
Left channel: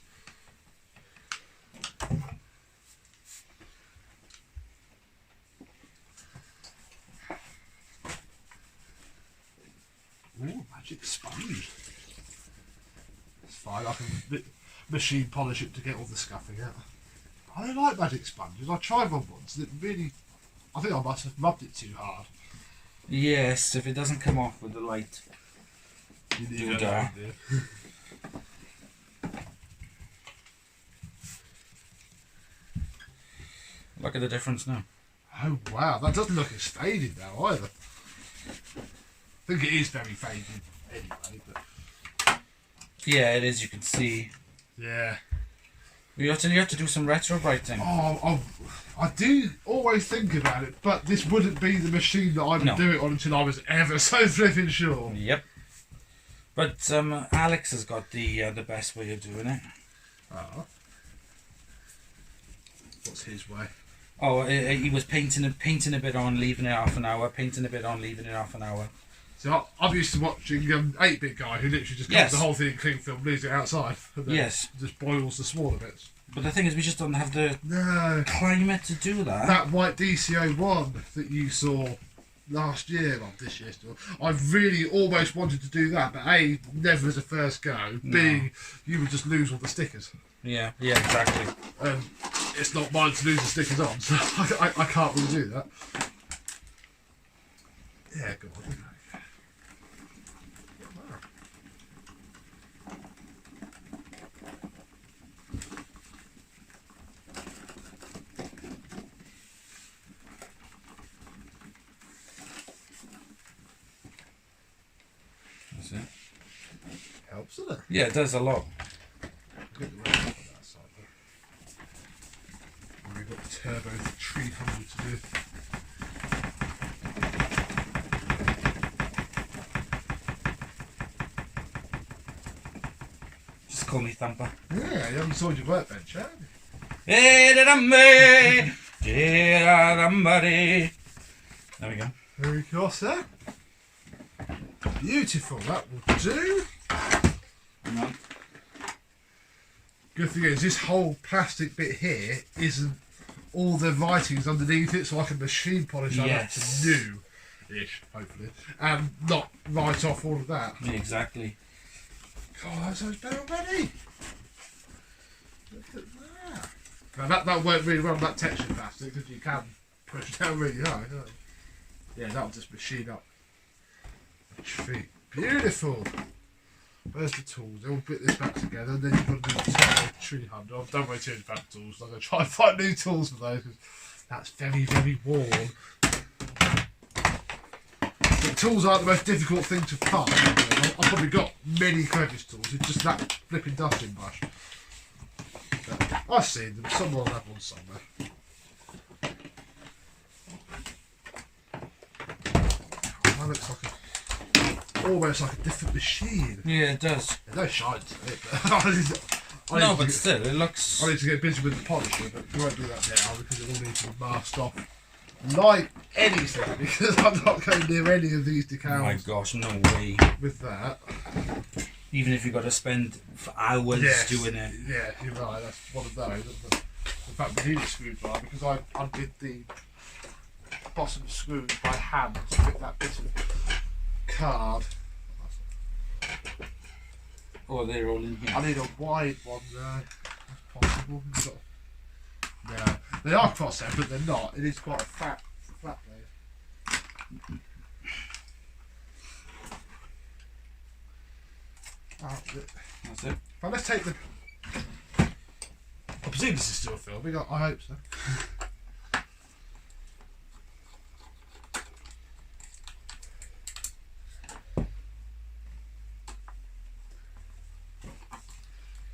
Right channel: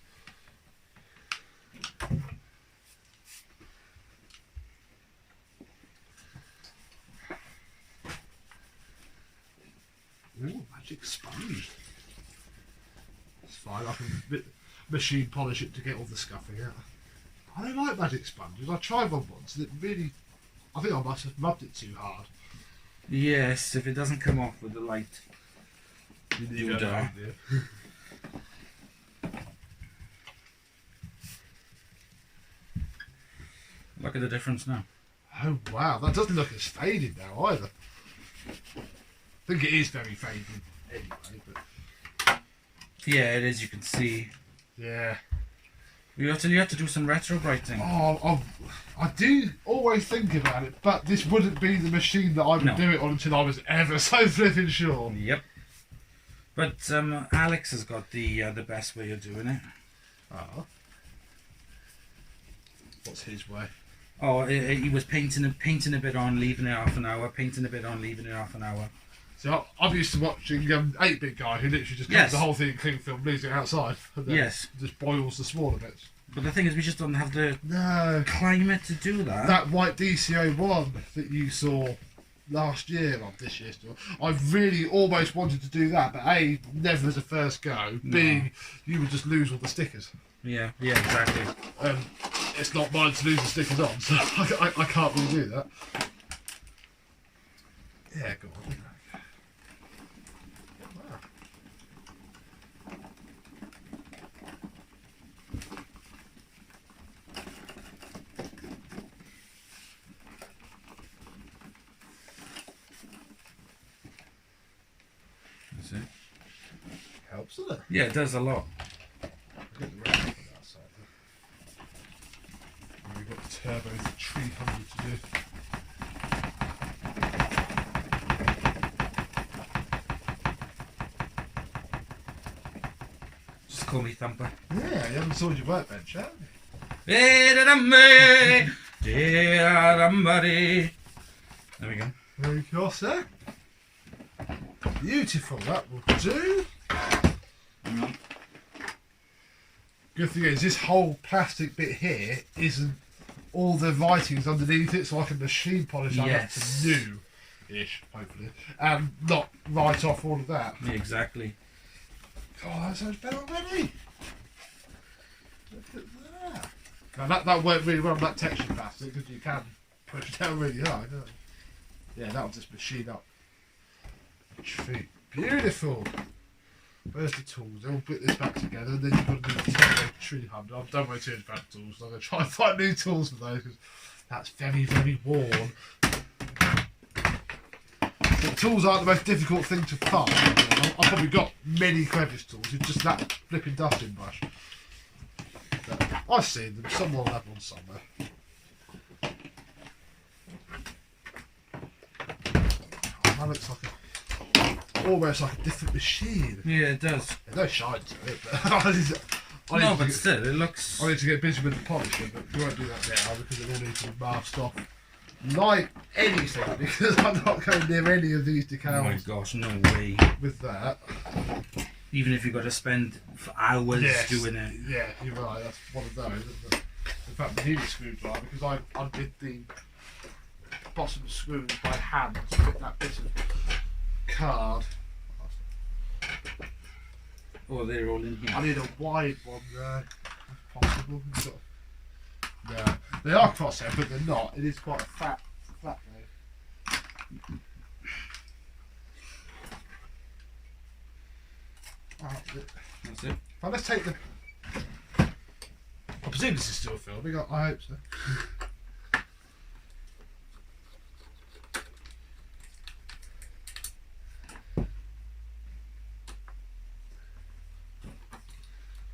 Ooh, magic sponge. It's fine, I can machine polish it to get all the scuffing out. I don't like magic sponges. I tried one once and it really... I think I must have rubbed it too hard. Yes, if it doesn't come off with the light... You know, Look at the difference now. Oh wow, that doesn't look as faded now either. I think it is very faded anyway, but yeah, it is. You can see. Yeah. You have to do some retro brighting. Oh, I do always think about it, but this wouldn't be the machine that I would do it on until I was ever so flipping sure. Yep. But Alex has got the best way of doing it. Oh. What's his way? Oh, he was painting a bit on, leaving it half an hour. Painting a bit on, leaving it half an hour. So I'm used to watching 8-bit guy who literally just cuts the whole thing in cling film, leaves it outside, and then just boils the smaller bits. But the thing is, we just don't have the climate to do that. That white DCO1 that you saw last year, well, this year still, I really almost wanted to do that, but A, never as a first go. B, you would just lose all the stickers. Yeah, exactly. It's not mine to lose the stickers on, so I can't really do that. Yeah, go on. That's it. Helps, doesn't it? Yeah, it does a lot. Get the rest off of that side then. And we've got the turbo 300 to do. Just call me Thumper. Yeah, you haven't sold your workbench, have you? There we go. There we go, sir. Beautiful, that will do. Good thing is, this whole plastic bit here isn't all the writings underneath it, so I can machine polish that up to new-ish, hopefully, and not write off all of that. Yeah, exactly. God, that sounds better already. Look at that. Now that worked really well on that texture plastic, because you can push it down really high, can't you? Yeah, that'll just machine up a treat. Beautiful. Where's the tools? Then we'll put this back together, and then you've got to do the turbo 300. I've done my 200 pound tools, so I'm going to try and find new tools for those, because that's very, very worn. The tools aren't the most difficult thing to find. I've probably got many crevice tools, it's just that flipping dusting brush. But I've seen them, someone will have one somewhere. That looks like a almost like a different machine. Yeah, it does. There's no shine to it, but still, it looks... I need to get busy with the polishing, but we won't do that now because it all needs to be masked off like anything, because I'm not going near any of these decals. Oh my gosh, no way. With that. Even if you've got to spend for hours doing it. Yeah, you're right, that's one of those, isn't it? In fact, we need a screwdriver because I undid the bottom screws by hand to fit that bit of card. Oh, they're all in here. I need a wide one there, if possible. Yeah, they are crosshair, but they're not. It is quite a fat blade. That's it. Well, let's take the... I presume this is still filming. I hope so.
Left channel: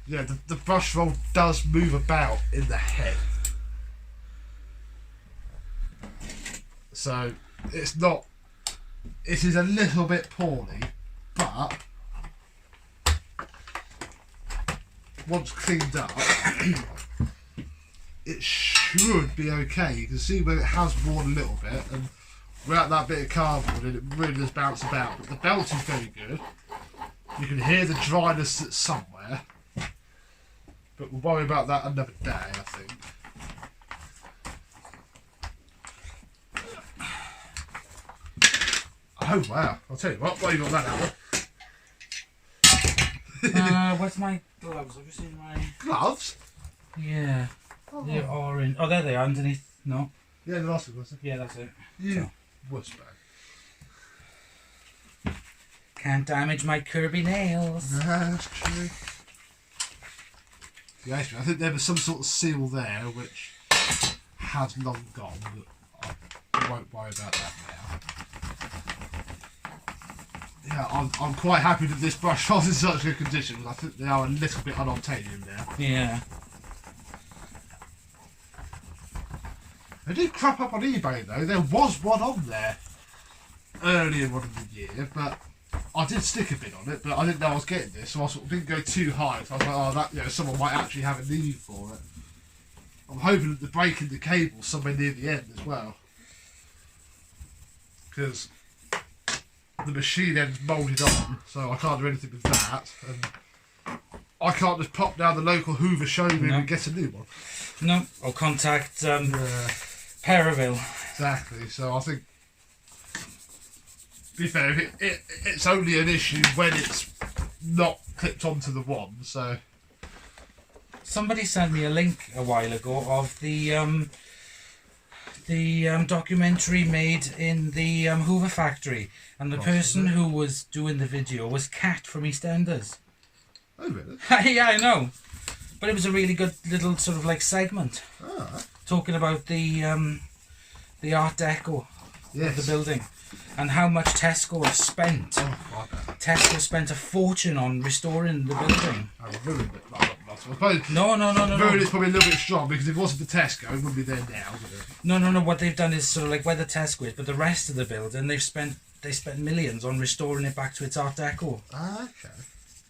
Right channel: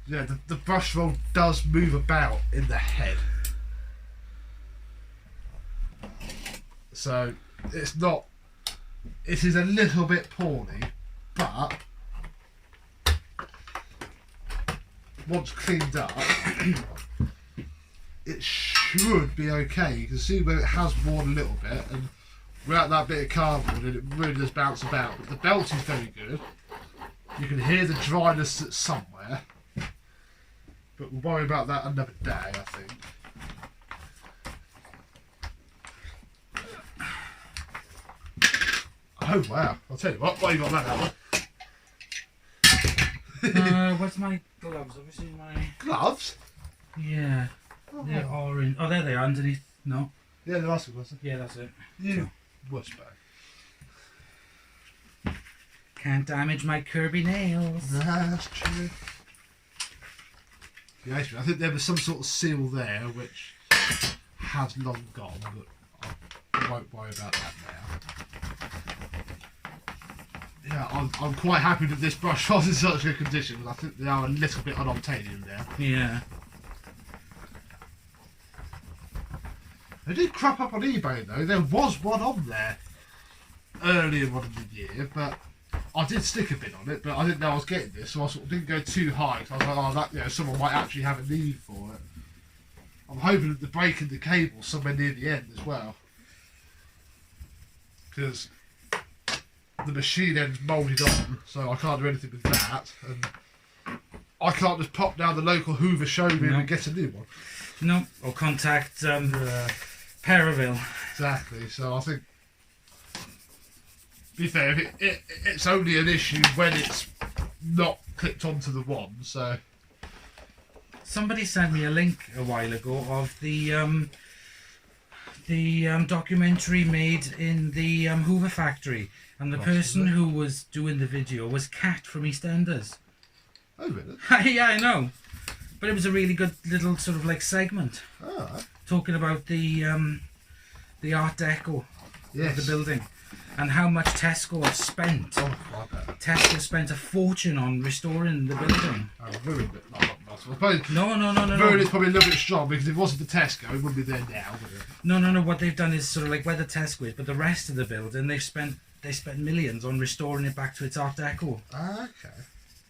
Yeah, the brush roll does move about in the head. So, it's not... It is a little bit poorly, but... Once cleaned up, it should be okay. You can see where it has worn a little bit, and without that bit of cardboard, it really does bounce about. But the belt is very good. You can hear the dryness that's somewhere, but we'll worry about that another day, I think. Oh wow! I'll tell you what. Why you got that out? Where's my gloves? Have you seen my Gloves? Yeah. Oh, They're orange. Oh, there they are underneath. No. yeah, the last one. Yeah, that's it. You wussbag. Can't damage my Kirby nails. No, that's true. Yeah, I think there was some sort of seal there which has long gone, but I won't worry about that now. Yeah, I'm quite happy that this brush was in such good condition, because I think they are a little bit unobtainium there. Yeah. They did crop up on eBay though. There was one on there earlier on in the year, but I did stick a bit on it, but I didn't know I was getting this, so I sort of didn't go too high. So I was like, oh, that, you know, someone might actually have a need for it. I'm hoping that the break in the cable somewhere near the end as well, because the machine end's moulded on, so I can't do anything with that, and I can't just pop down the local Hoover showroom and get a new one. No, or contact Periville. Exactly. So I think, to be fair, it's only an issue when it's not clipped onto the wand. So Somebody sent me a link a while ago of the documentary made in the Hoover factory, and the person who was doing the video was Kat from EastEnders. Oh really? Yeah, I know. But it was a really good little sort of like segment talking about the Art Deco of the building and how much Tesco have spent. Oh, I bet. Tesco spent a fortune on restoring the building. I ruined it. I suppose. No. Ruined it's probably a little bit strong, because if it wasn't for Tesco, it wouldn't be there now, would it? No. What they've done is sort of like where the Tesco is, but the rest of the building they spent millions on restoring it back to its Art Deco. Okay.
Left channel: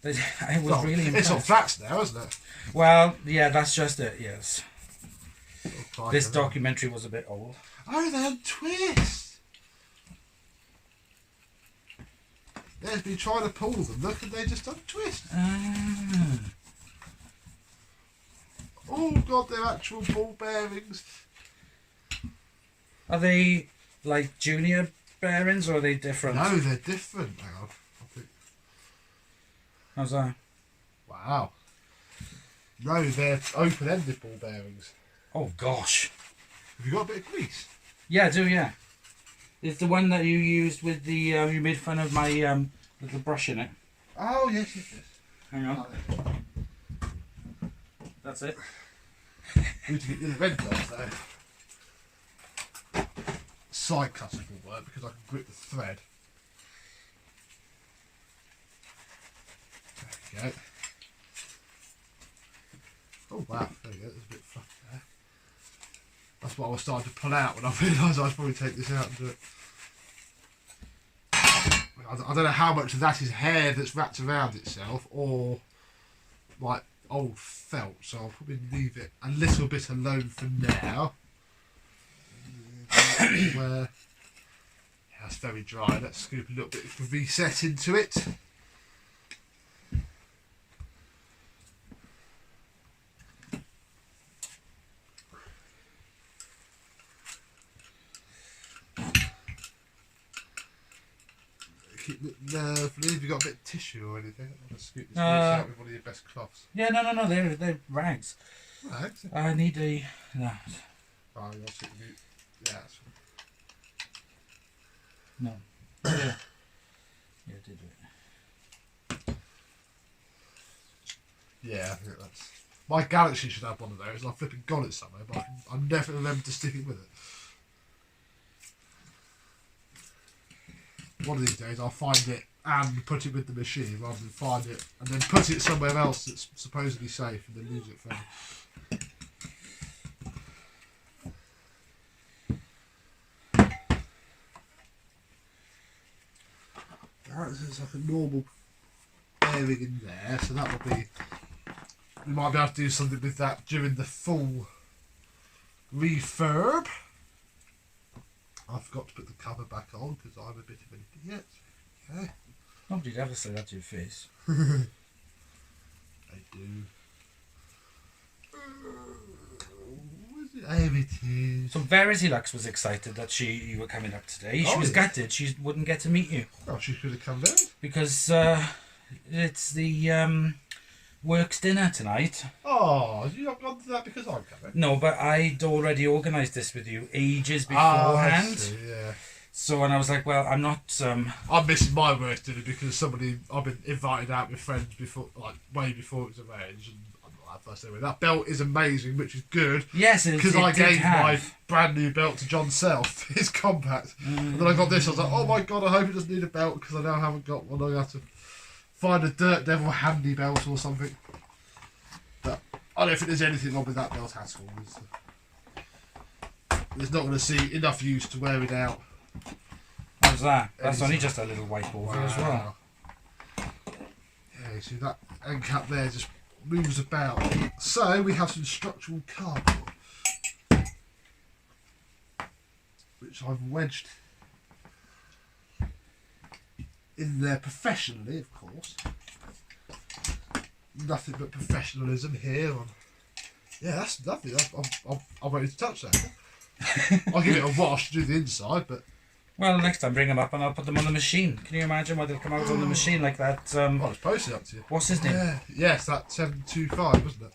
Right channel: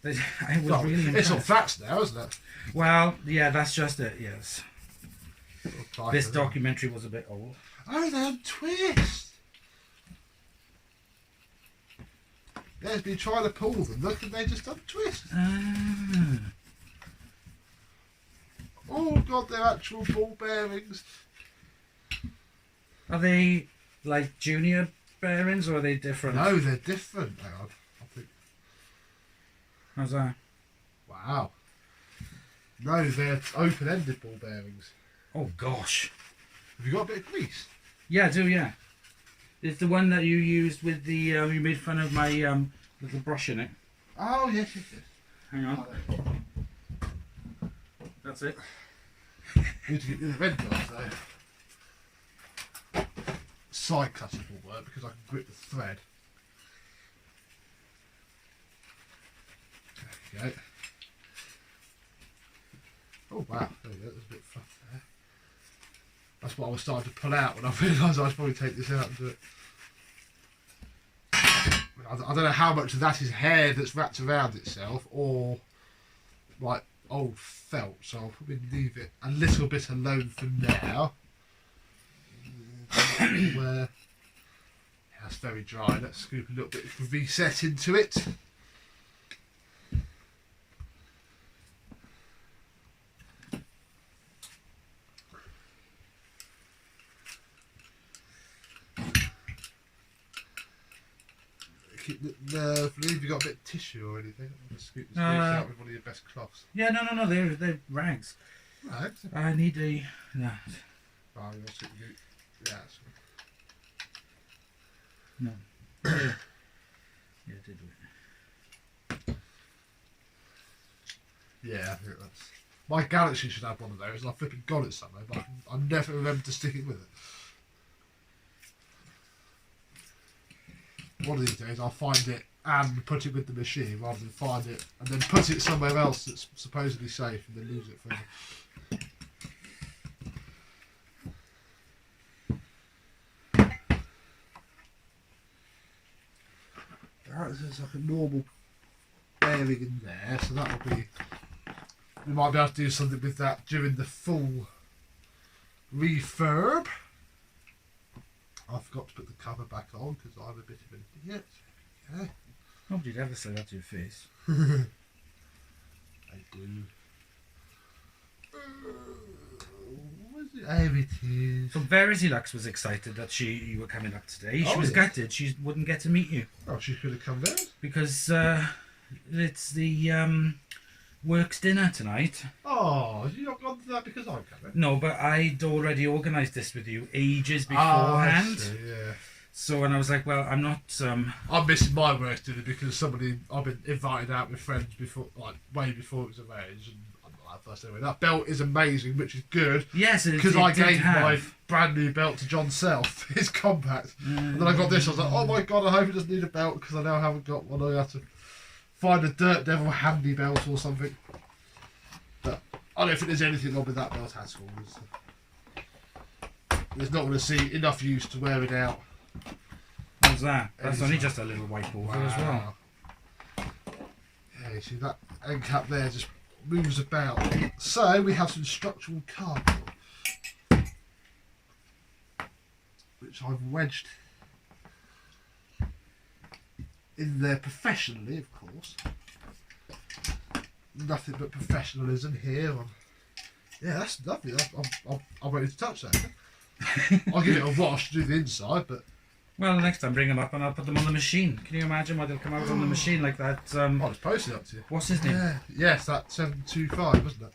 It was really it's all flats now, isn't it? Well, yeah, that's just it. Yes. Oh, This documentary was a bit old. Oh, they untwist. Yeah, it's been trying to pull them. Look, and they just untwist. Oh god, they're actual ball bearings. Are they like junior bearings, or are they different? No, they're different. Hang on, I think. How's that? Wow. No, they're open-ended ball bearings. Oh gosh. Have you got a bit of grease? Yeah, I do. Yeah. It's the one that you used with the. You made fun of my with the brush in it. Oh yes. Hang on. Oh, That's it. need to get the red gloves though. Side cutters will work because I can grip the thread. There we go. Oh wow, there we go, there's a bit fluff there. That's what I was starting to pull out when I realised I was probably take this out and do it. I don't know how much of that is hair that's wrapped around itself or like old felt, so I'll probably leave it a little bit alone for now. Where yeah, it's very dry. Let's scoop a little bit of reset into it. Keep it lovely. Have you got a bit of tissue or anything? I'm going to scoop this out with one of your best cloths. Yeah, no, they're rags. Rags? I need that. Oh, you'll see. Yeah. No. Yeah, did it. Yeah, I think that's... My Galaxy should have one of those, and I've flipping got it somewhere, but I never remember to stick it with it. One of these days I'll find it and put it with the machine rather than find it and then put it somewhere else that's supposedly safe and then lose it forever. There's like a normal bearing in there, so that will be... We might be able to do something with that during the full refurb. I forgot to put the cover back on because I'm a bit of an idiot. Okay. Nobody'd ever say that to your face. I do. There it is. So HooverLux was excited that you were coming up today. She was yeah. gutted she wouldn't get to meet you. Oh, she could have come down. Because it's the works dinner tonight. Oh, you not gone to that because I'm coming? No, but I'd already organised this with you ages I beforehand. see, yeah. So, and I was like, well, I'm not... I'm missing my work dinner because I've been invited out with friends before, like way before it was arranged. And I'm not that first anyway. That belt is amazing, which is good. Yes, because I gave my brand new belt to John Self, his compact. And then I got this, I was like, oh my god, I hope it doesn't need a belt because I now haven't got one. I have to find a Dirt Devil handy belt or something. But I don't think there's anything wrong with that belt at all. There's not going to see enough use to wear it out. How's that? That's only just a little white ball thing as well. Yeah, you see that end cap there just moves about. So we have some structural cardboard, which I've wedged in there professionally, of course. Nothing but professionalism here. Yeah, that's lovely. I'm ready to touch that. I'll give it a wash to do the inside, but... Well, next time bring them up and I'll put them on the machine. Can you imagine what they'll come out on the machine like that? I'll just post it up to you. What's his name? Yeah, yes, that 725, wasn't it?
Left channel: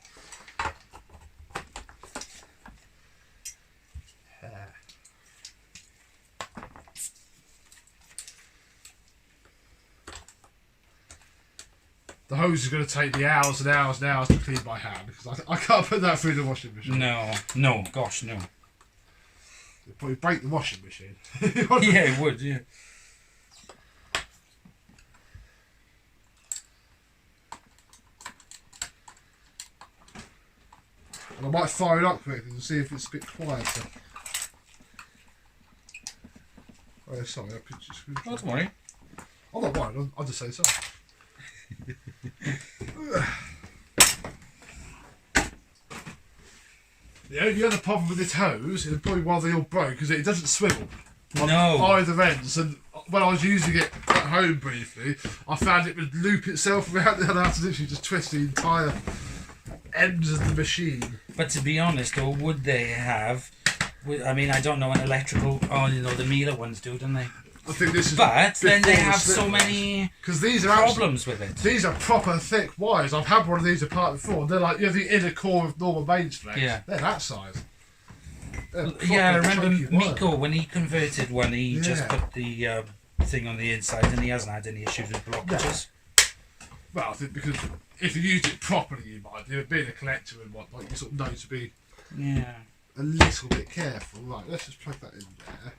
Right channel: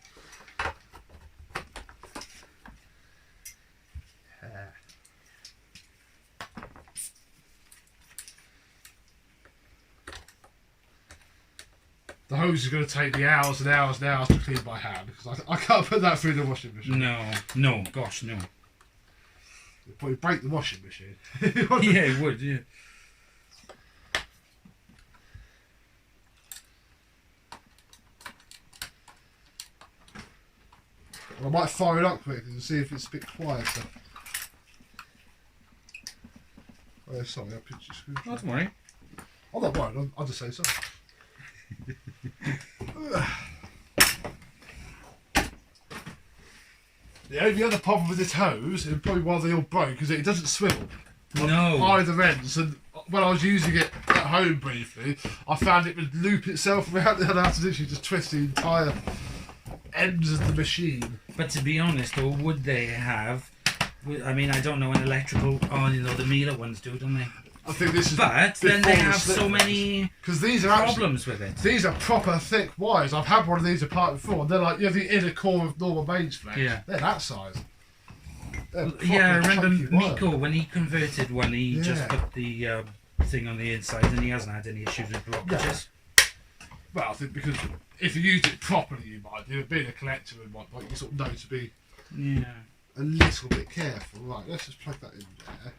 Yeah. The hose is going to take me hours and hours and hours to clean by hand because I can't put that through the washing machine. No, gosh, no. It'd probably break the washing machine. Yeah, it would, yeah. And I might fire it up quickly to see if it's a bit quieter. Oh, sorry, I pinched your screw. Not worry. I'm not worried, I'll just say sorry. The only other problem with this hose, and probably why they all broke, is that it doesn't swivel on either ends. And when I was using it at home briefly, I found it would loop itself around and I had to literally just twist the entire ends of the machine. But to be honest, though, would they have? I mean, I don't know an electrical. Oh, you know, the Miele ones do, don't they? I think this is. But then they have so many these are problems with it. These are proper thick wires. I've had one of these apart before. They're like, you know, the inner core of normal mains flex. Yeah. They're that size. Yeah, I remember Miko when he converted one. He just put the thing on the inside, and he hasn't had any issues with blockages. Yeah. Well, I think because if you used it properly, you might do. Being a collector and whatnot, you sort of know to be a little bit careful. Right, let's just plug that in there.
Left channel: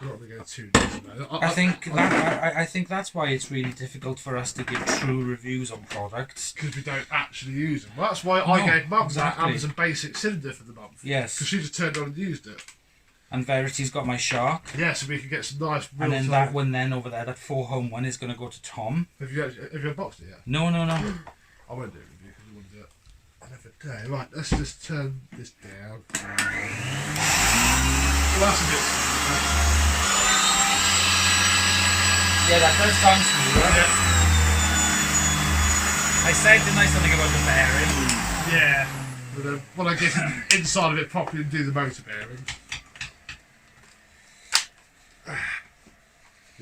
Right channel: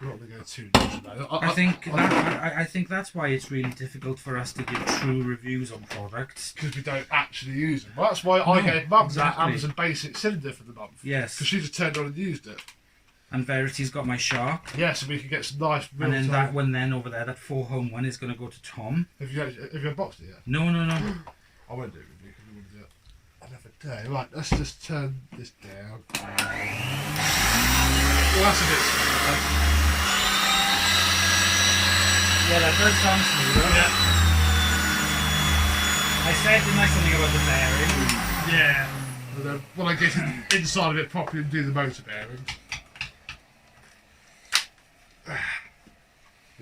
We're not going to go too deep now. I think that's why it's really difficult for us to give true reviews on products. Because we don't actually use them. Well, that's why I gave Mum that Amazon Basic cylinder for the month. Yes. Because she just turned on and used it. And Verity's got my shark. Yeah, so we can get some nice real And then time. that one then over there, that 4-home one, is going to go to Tom. Have you unboxed it yet? No. I won't do it with you because you want to do it another day. Right, let's just turn this down. Well, that's a bit slow. Yeah, that does sound smooth. Yeah. I said the nice thing about the bearing. Yeah. But then when I get inside of it properly and do the motor bearings.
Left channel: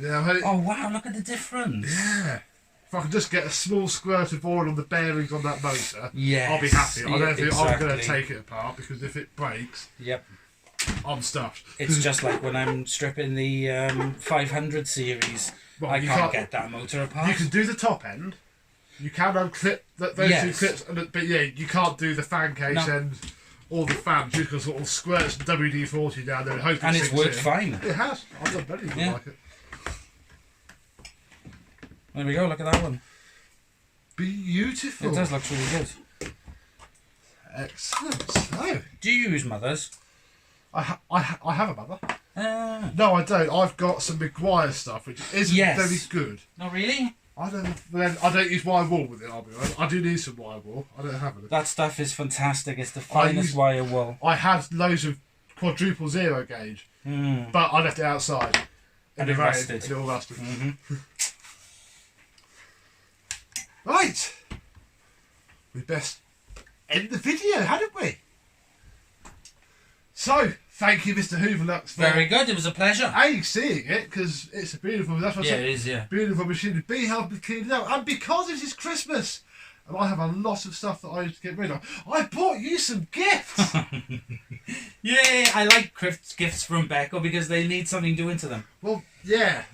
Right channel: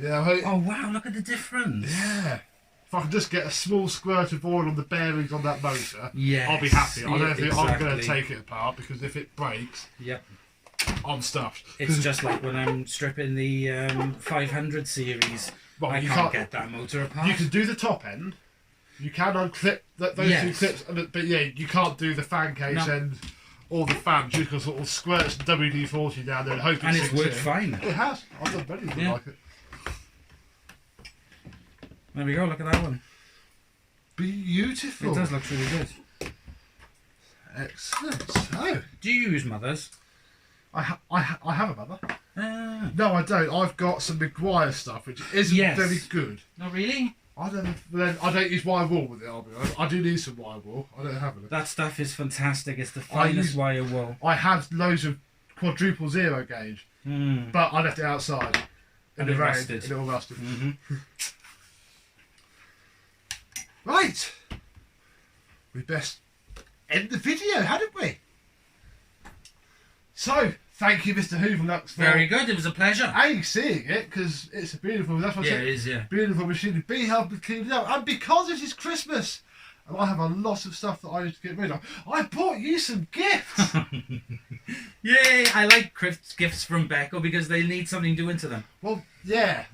Yeah, Oh wow, look at the difference. yeah. If I could just get a small squirt of oil on the bearings on that motor, Yes. I'll be happy. I don't think I'm going to exactly. take it apart because if it breaks, Yep. I'm stuffed. It's just like when I'm stripping the 500 series. Well, I you can't can't- get that motor apart. You can do the top end. You can unclip those two Yes. clips, but yeah, you can't do the fan case No. end or the fan. You can sort of squirt some WD-40 down there and hope and it it's sinks worked in. fine. It has. I've done many of them Yeah. like it. There we go, look at that one. Beautiful. It does look really good. Excellent. So, Do you use mothers? I have a mother. Ah. No, I don't. I've got some Maguire stuff, which isn't Yes. very good. Oh really? I don't use wire wool with it. I'll be honest. I do need some wire wool. I don't have it. That stuff is fantastic. It's the I finest use- wire wool. I had loads of quadruple zero gauge, Mm. but I left it outside in And the it rain. rusted. And it all rusted. Mm-hmm. Right. We best end the video, hadn't we? So, thank you, Mr HooverLux, for Very good. It was a pleasure. seeing it, because it's a beautiful. That's what I Yeah, said. it is. Yeah. Beautiful machine to be helping clean it out, and because it is Christmas, and I have a lot of stuff that I need to get rid of, I bought you some gifts. Yay! I like gifts from Beko because they need something doing to them. Well, yeah,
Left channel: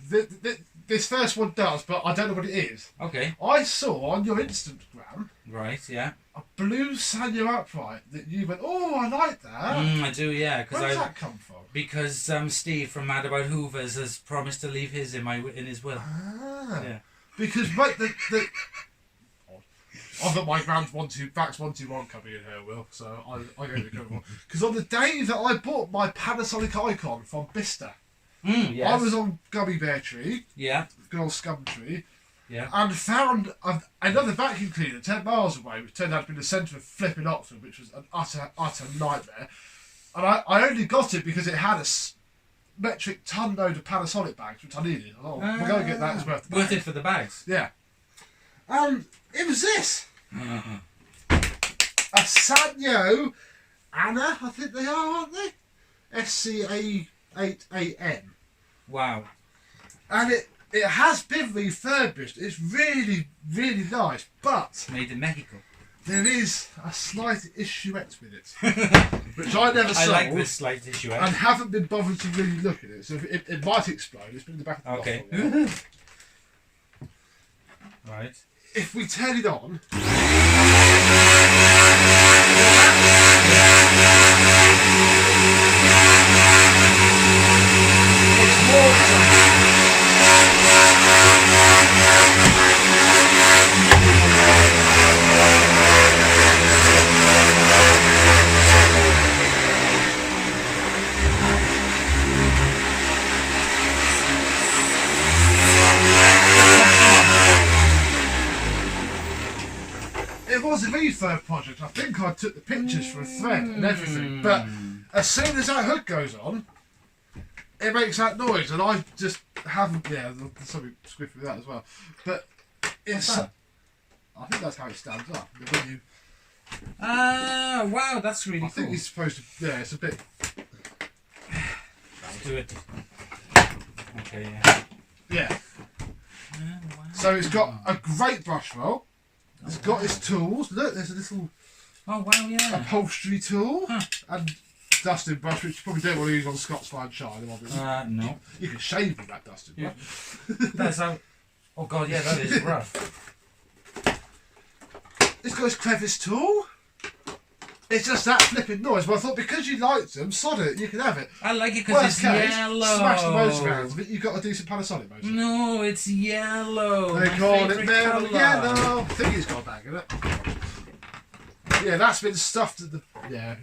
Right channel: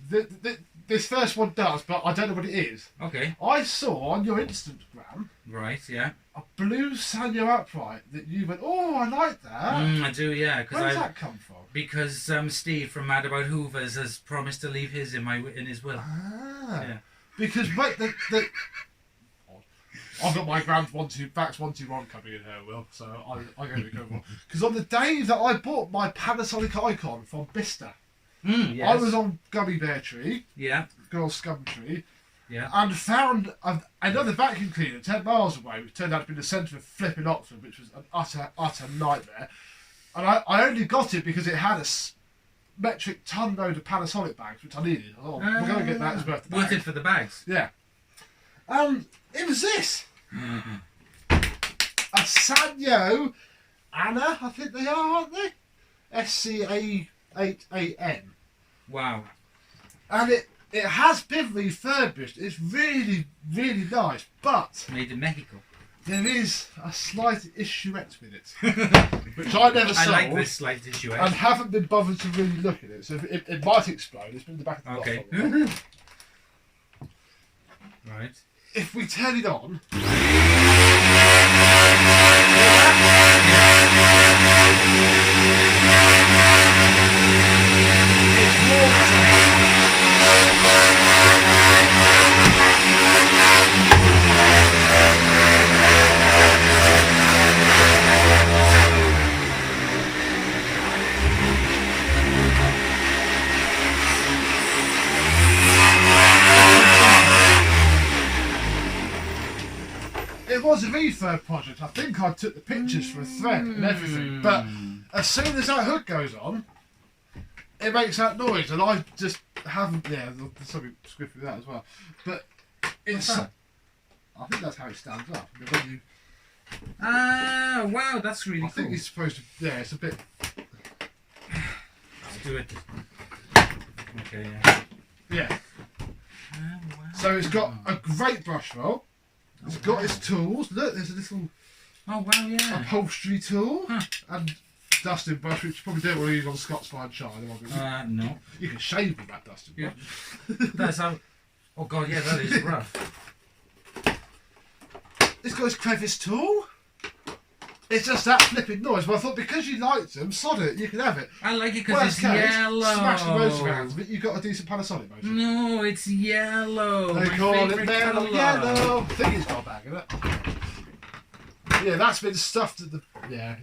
this first one does, but I don't know what it is. Okay. I saw on your Instagram Right. Yeah. a blue Sanyo upright that you went, oh, I like that. I do. Yeah. Where does that come from? Because Steve from Mad About Hoovers has promised to leave his in his will. Ah, Yeah. because mate, I've got my grand Vax 121 coming in here, Will. So I go to go for because on the day that I bought my Panasonic Icon from Bista, Yes. I was on Gummy Bear Tree, Yeah. good old Scum Tree, Yeah. and found another vacuum cleaner 10 miles away, which turned out to be the centre of flipping Oxford, which was an utter nightmare. And I only got it because it had a metric ton load of Panasonic bags, which I needed. I thought, we're going to get that as worth the Worth bag. it for the bags. Yeah. It was this. A Sanyo Anna, I think they are, aren't they? SCA8AN. Wow. And it has been refurbished. It's really, really nice. But Made in Mexico. there is a slight issuette with it, which I never I sold like this slight issue. and haven't been bothered to really look at it. So it might explode. It's been in the back of the Okay. bottle. Right. If we turn it on, it's more it was a refurb project. I think I took the pictures for a thread and everything. But as soon as that hook goes on, it makes that noise, and I just haven't. Yeah, there's something squiffy with that as well. But it's. What's that? I think that's how it stands up. When you, Ah, wow, that's really I think cool. it's supposed to. Yeah, it's a bit. Let's do it. Okay. Yeah. Oh, wow. So it's got a great brush roll. It's got its tools. Look, there's a little Oh wow, yeah. upholstery tool Huh. and dusting brush, which you probably don't want to use on Scots Fine Shine. Obviously. No. You can shave with that dusting Yeah. brush. That's how. Oh god, yeah, that is rough. It's got its crevice tool. It's just that flipping noise. But I thought because you liked them, sod it, you can have it. I like it because Worst it's case, yellow. smash the motor around, but you've got a decent Panasonic motor. No, it's yellow. They My call it favourite metal colour. yellow. I think it's got a bag in it. Yeah, that's been stuffed at the. Yeah.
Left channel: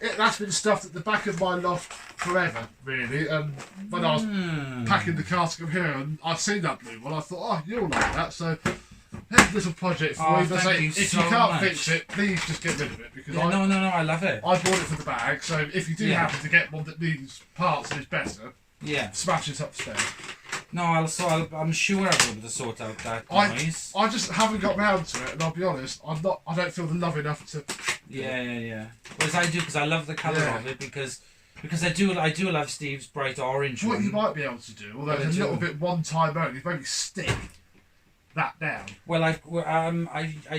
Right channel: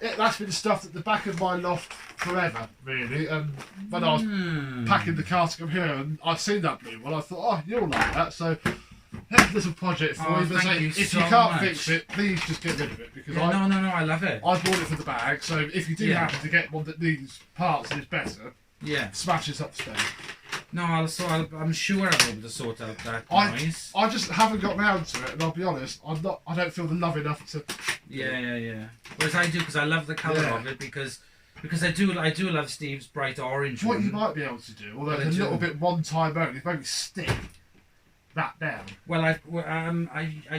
that's been stuffed at the back of my loft forever, really. And when I was packing the car to come here, and I've seen that blue one, I thought, oh, you'll like that. So here's a little project for you. But if you can't fix it, please just get rid of it, because no, I love it. I bought it for the bag. So if you do happen to get one that needs parts and is better, smash it upstairs. No, I'm sure I'll be able to sort out that noise. I just haven't got round to it, and I'll be honest, I don't feel the love enough to. Yeah. Whereas I do, because I love the colour of it, because I do love Steve's bright orange What one. you might be able to do, although it's a little bit one time only, maybe stick that down. Well, I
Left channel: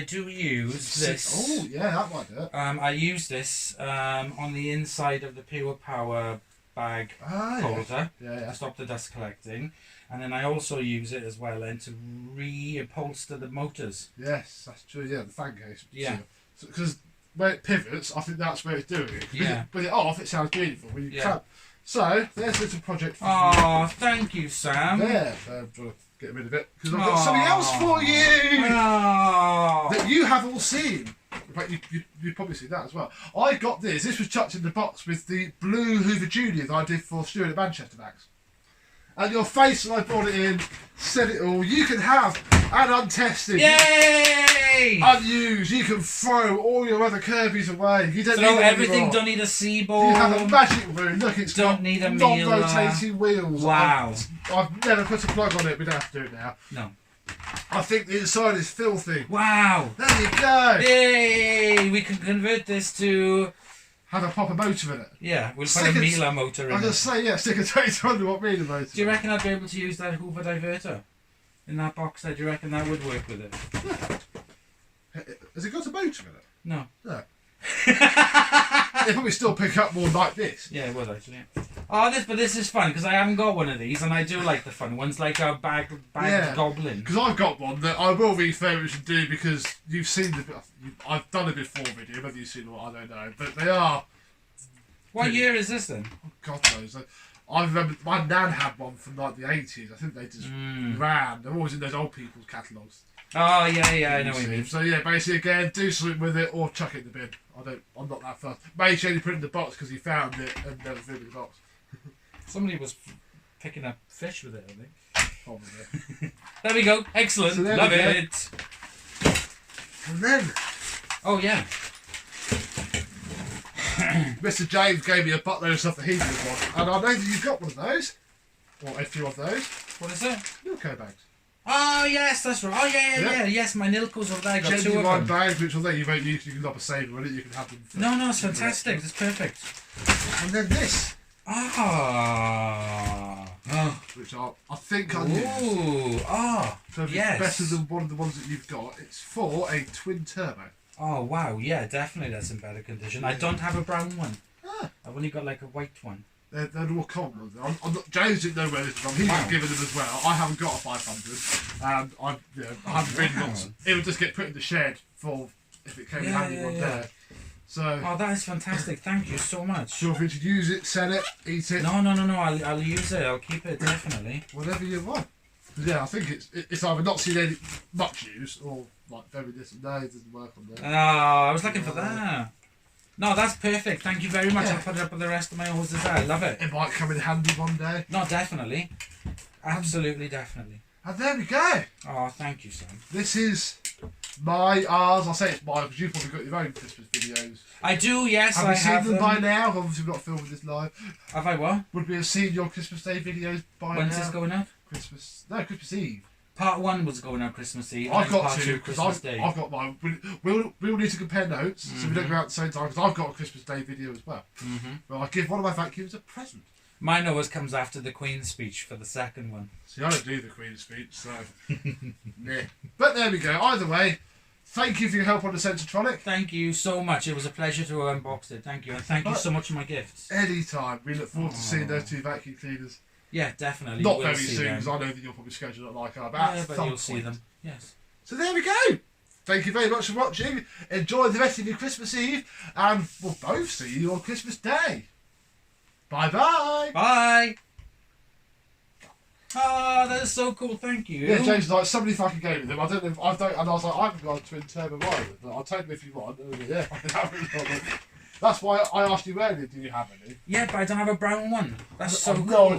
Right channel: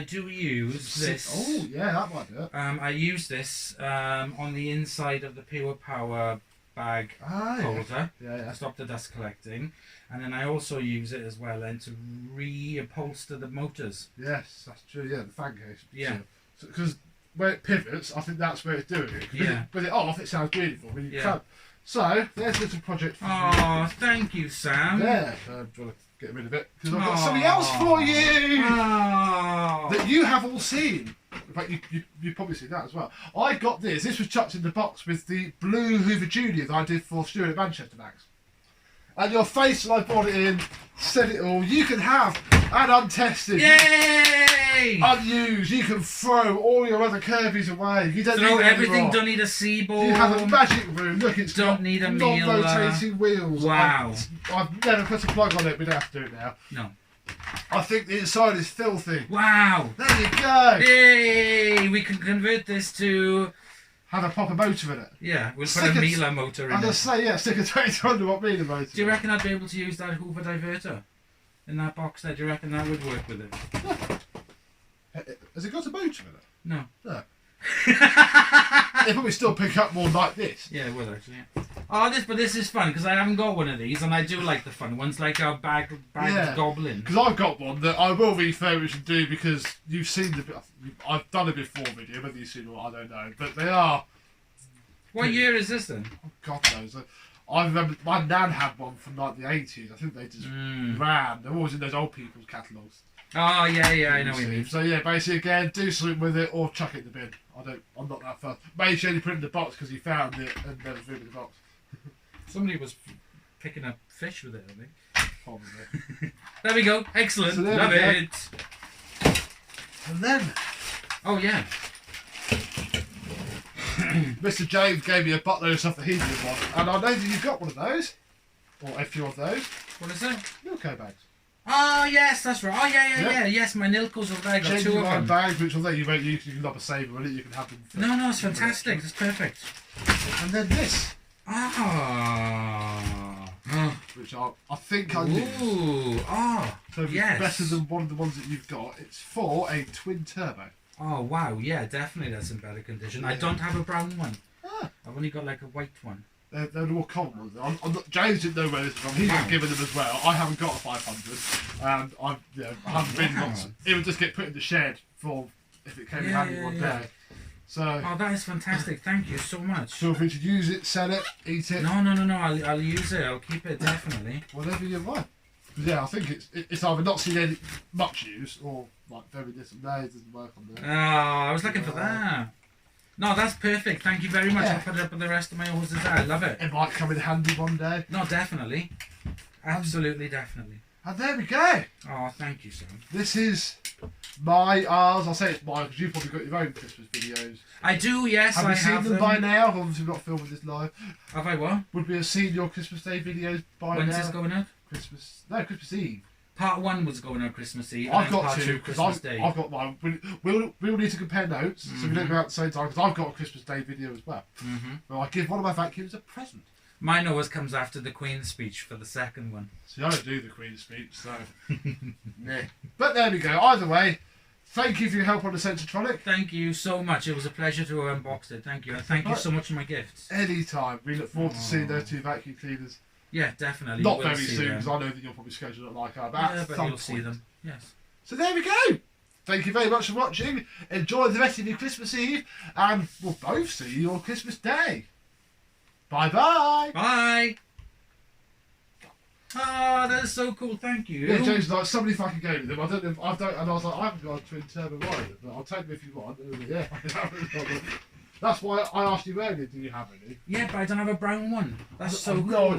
do use this. Oh yeah, that might do it. I use this on the inside of the Pure Power bag holder to stop the dust collecting, and then I also use it as well then to reupholster the motors. Yes, that's true. Yeah, the fan case. Yeah. Because where it pivots, I think that's where it's doing it. Yeah. With it off, it sounds beautiful. When you can't. So there's a little project for you. Oh, thank you, Sam. There. I'm trying to get rid of it because I've got something else for you that you have all seen. In fact, you've probably seen that as well. I got this. This was chucked in the box with the blue Hoover Junior that I did for Stuart at Manchester Max. And your face when I brought it in said it all. You can have an untested, unused. You can throw all your other Kirby's away. You don't need everything. Anymore. Don't need a Seaboard. You have a magic room. Look, it's don't got need a non-rotating wheels. Wow. I've never put a plug on it. We'd have to do it now. No. I think the inside is filthy. Wow. There you go. Yay! We can convert this to... Have a proper motor in it. Yeah, we'll put a Miele motor in it. I was going to say, yeah, stick a 2200 watt Miele motor. Do you reckon I'd be able to use that Hoover diverter in that box there? Do you reckon that would work with it? Yeah. Has it got a motor in it? No. No. It'd probably still pick up more like this. Yeah, it would actually. Oh, but this is fun because I haven't got one of these, and I do like the fun ones, like our bag goblin. Because I've got one that I will refurbish and do because you've seen I've done a before video, whether you've seen it or not, I don't know, but they are. What year is this then? Oh, God knows. I remember my nan had one from like the 80s. I think they just ran. They're always in those old people's catalogues. Oh yeah, I know what you mean. So yeah, basically again, do something with it or chuck it in the bin. I'm not that fussed. Mate only put it in the box because he found it and never threw it in the box. Somebody was picking up fish with it, I think. Probably. There we go. Excellent. So Love it. And then, oh yeah, Mr. James gave me a buttload of stuff that he didn't want, and I know that you've got one of those, or a few of those. What is that? Nilco bags. Oh yes, that's right. Oh yeah. Yes, my Nilcos over there. I got two of them. Genuine bags, which although you won't use, you can lob a saver with it. You can have them. No, it's fantastic. It's perfect. And then this. Which I think I use. Ooh, so if it's better than one of the ones that you've got, it's for a twin turbo. Oh wow, yeah, definitely that's in better condition. Yeah. I don't have a brown one. I've only got like a white one. They're more common ones. James didn't know where this was from. He was given them as well. I haven't got a 500. And I haven't been once. It would just get put in the shed for if it came in handy one day. So. Oh, that is fantastic. Thank you so much. Feel free to use it, sell it, eat it. No. I'll use it. I'll keep it definitely. Whatever you want. Yeah, I think it's either not seen any much use or like very little. No, it doesn't work on there. Oh, I was looking for that. No, that's perfect. Thank you very much. I'll put it up with the rest of my hoses. I love it. It might come in handy one day. No, definitely. Absolutely, definitely. And there we go. Oh, thank you, Sam. This is ours. I'll say it's mine because you've probably got your own Christmas videos. I do, yes. Have we seen them by now? Obviously, we're not filming this live. Have I what? Would we have seen your Christmas Day videos by now? When's this going out? Christmas Eve. Part 1 was going out Christmas Eve. I've got two because I've got mine. We'll need to compare notes so we don't go out at the same time because I've got a Christmas Day video as well. Well, I give one of my vacuums a present. Mine always comes after the Queen's speech for the second one. See, I don't do the Queen's speech, so nah. But there we go. Either way, thank you for your help on the Sensortronic. Thank you so much. It was a pleasure to unbox it. Thank you, and thank you so much for my gifts. Anytime. We look forward to seeing those two vacuum cleaners. Yeah, definitely. Not very soon, because I know that you'll probably schedule it like I. But you'll see them. Yes. So there we go. Thank you very much for watching. Enjoy the rest of your Christmas Eve, and we'll both see you on Christmas Day. Bye-bye. Bye. Oh, that is so cool. Thank you. Yeah, James was like, somebody fucking gave me them. I don't know if I don't, and I was like, I haven't got a twin turbo either, but I'll take them if you want. Yeah, I can have it. That's why I asked you earlier, did you have any? Yeah, but I don't have a brown one. That's so I've cool. no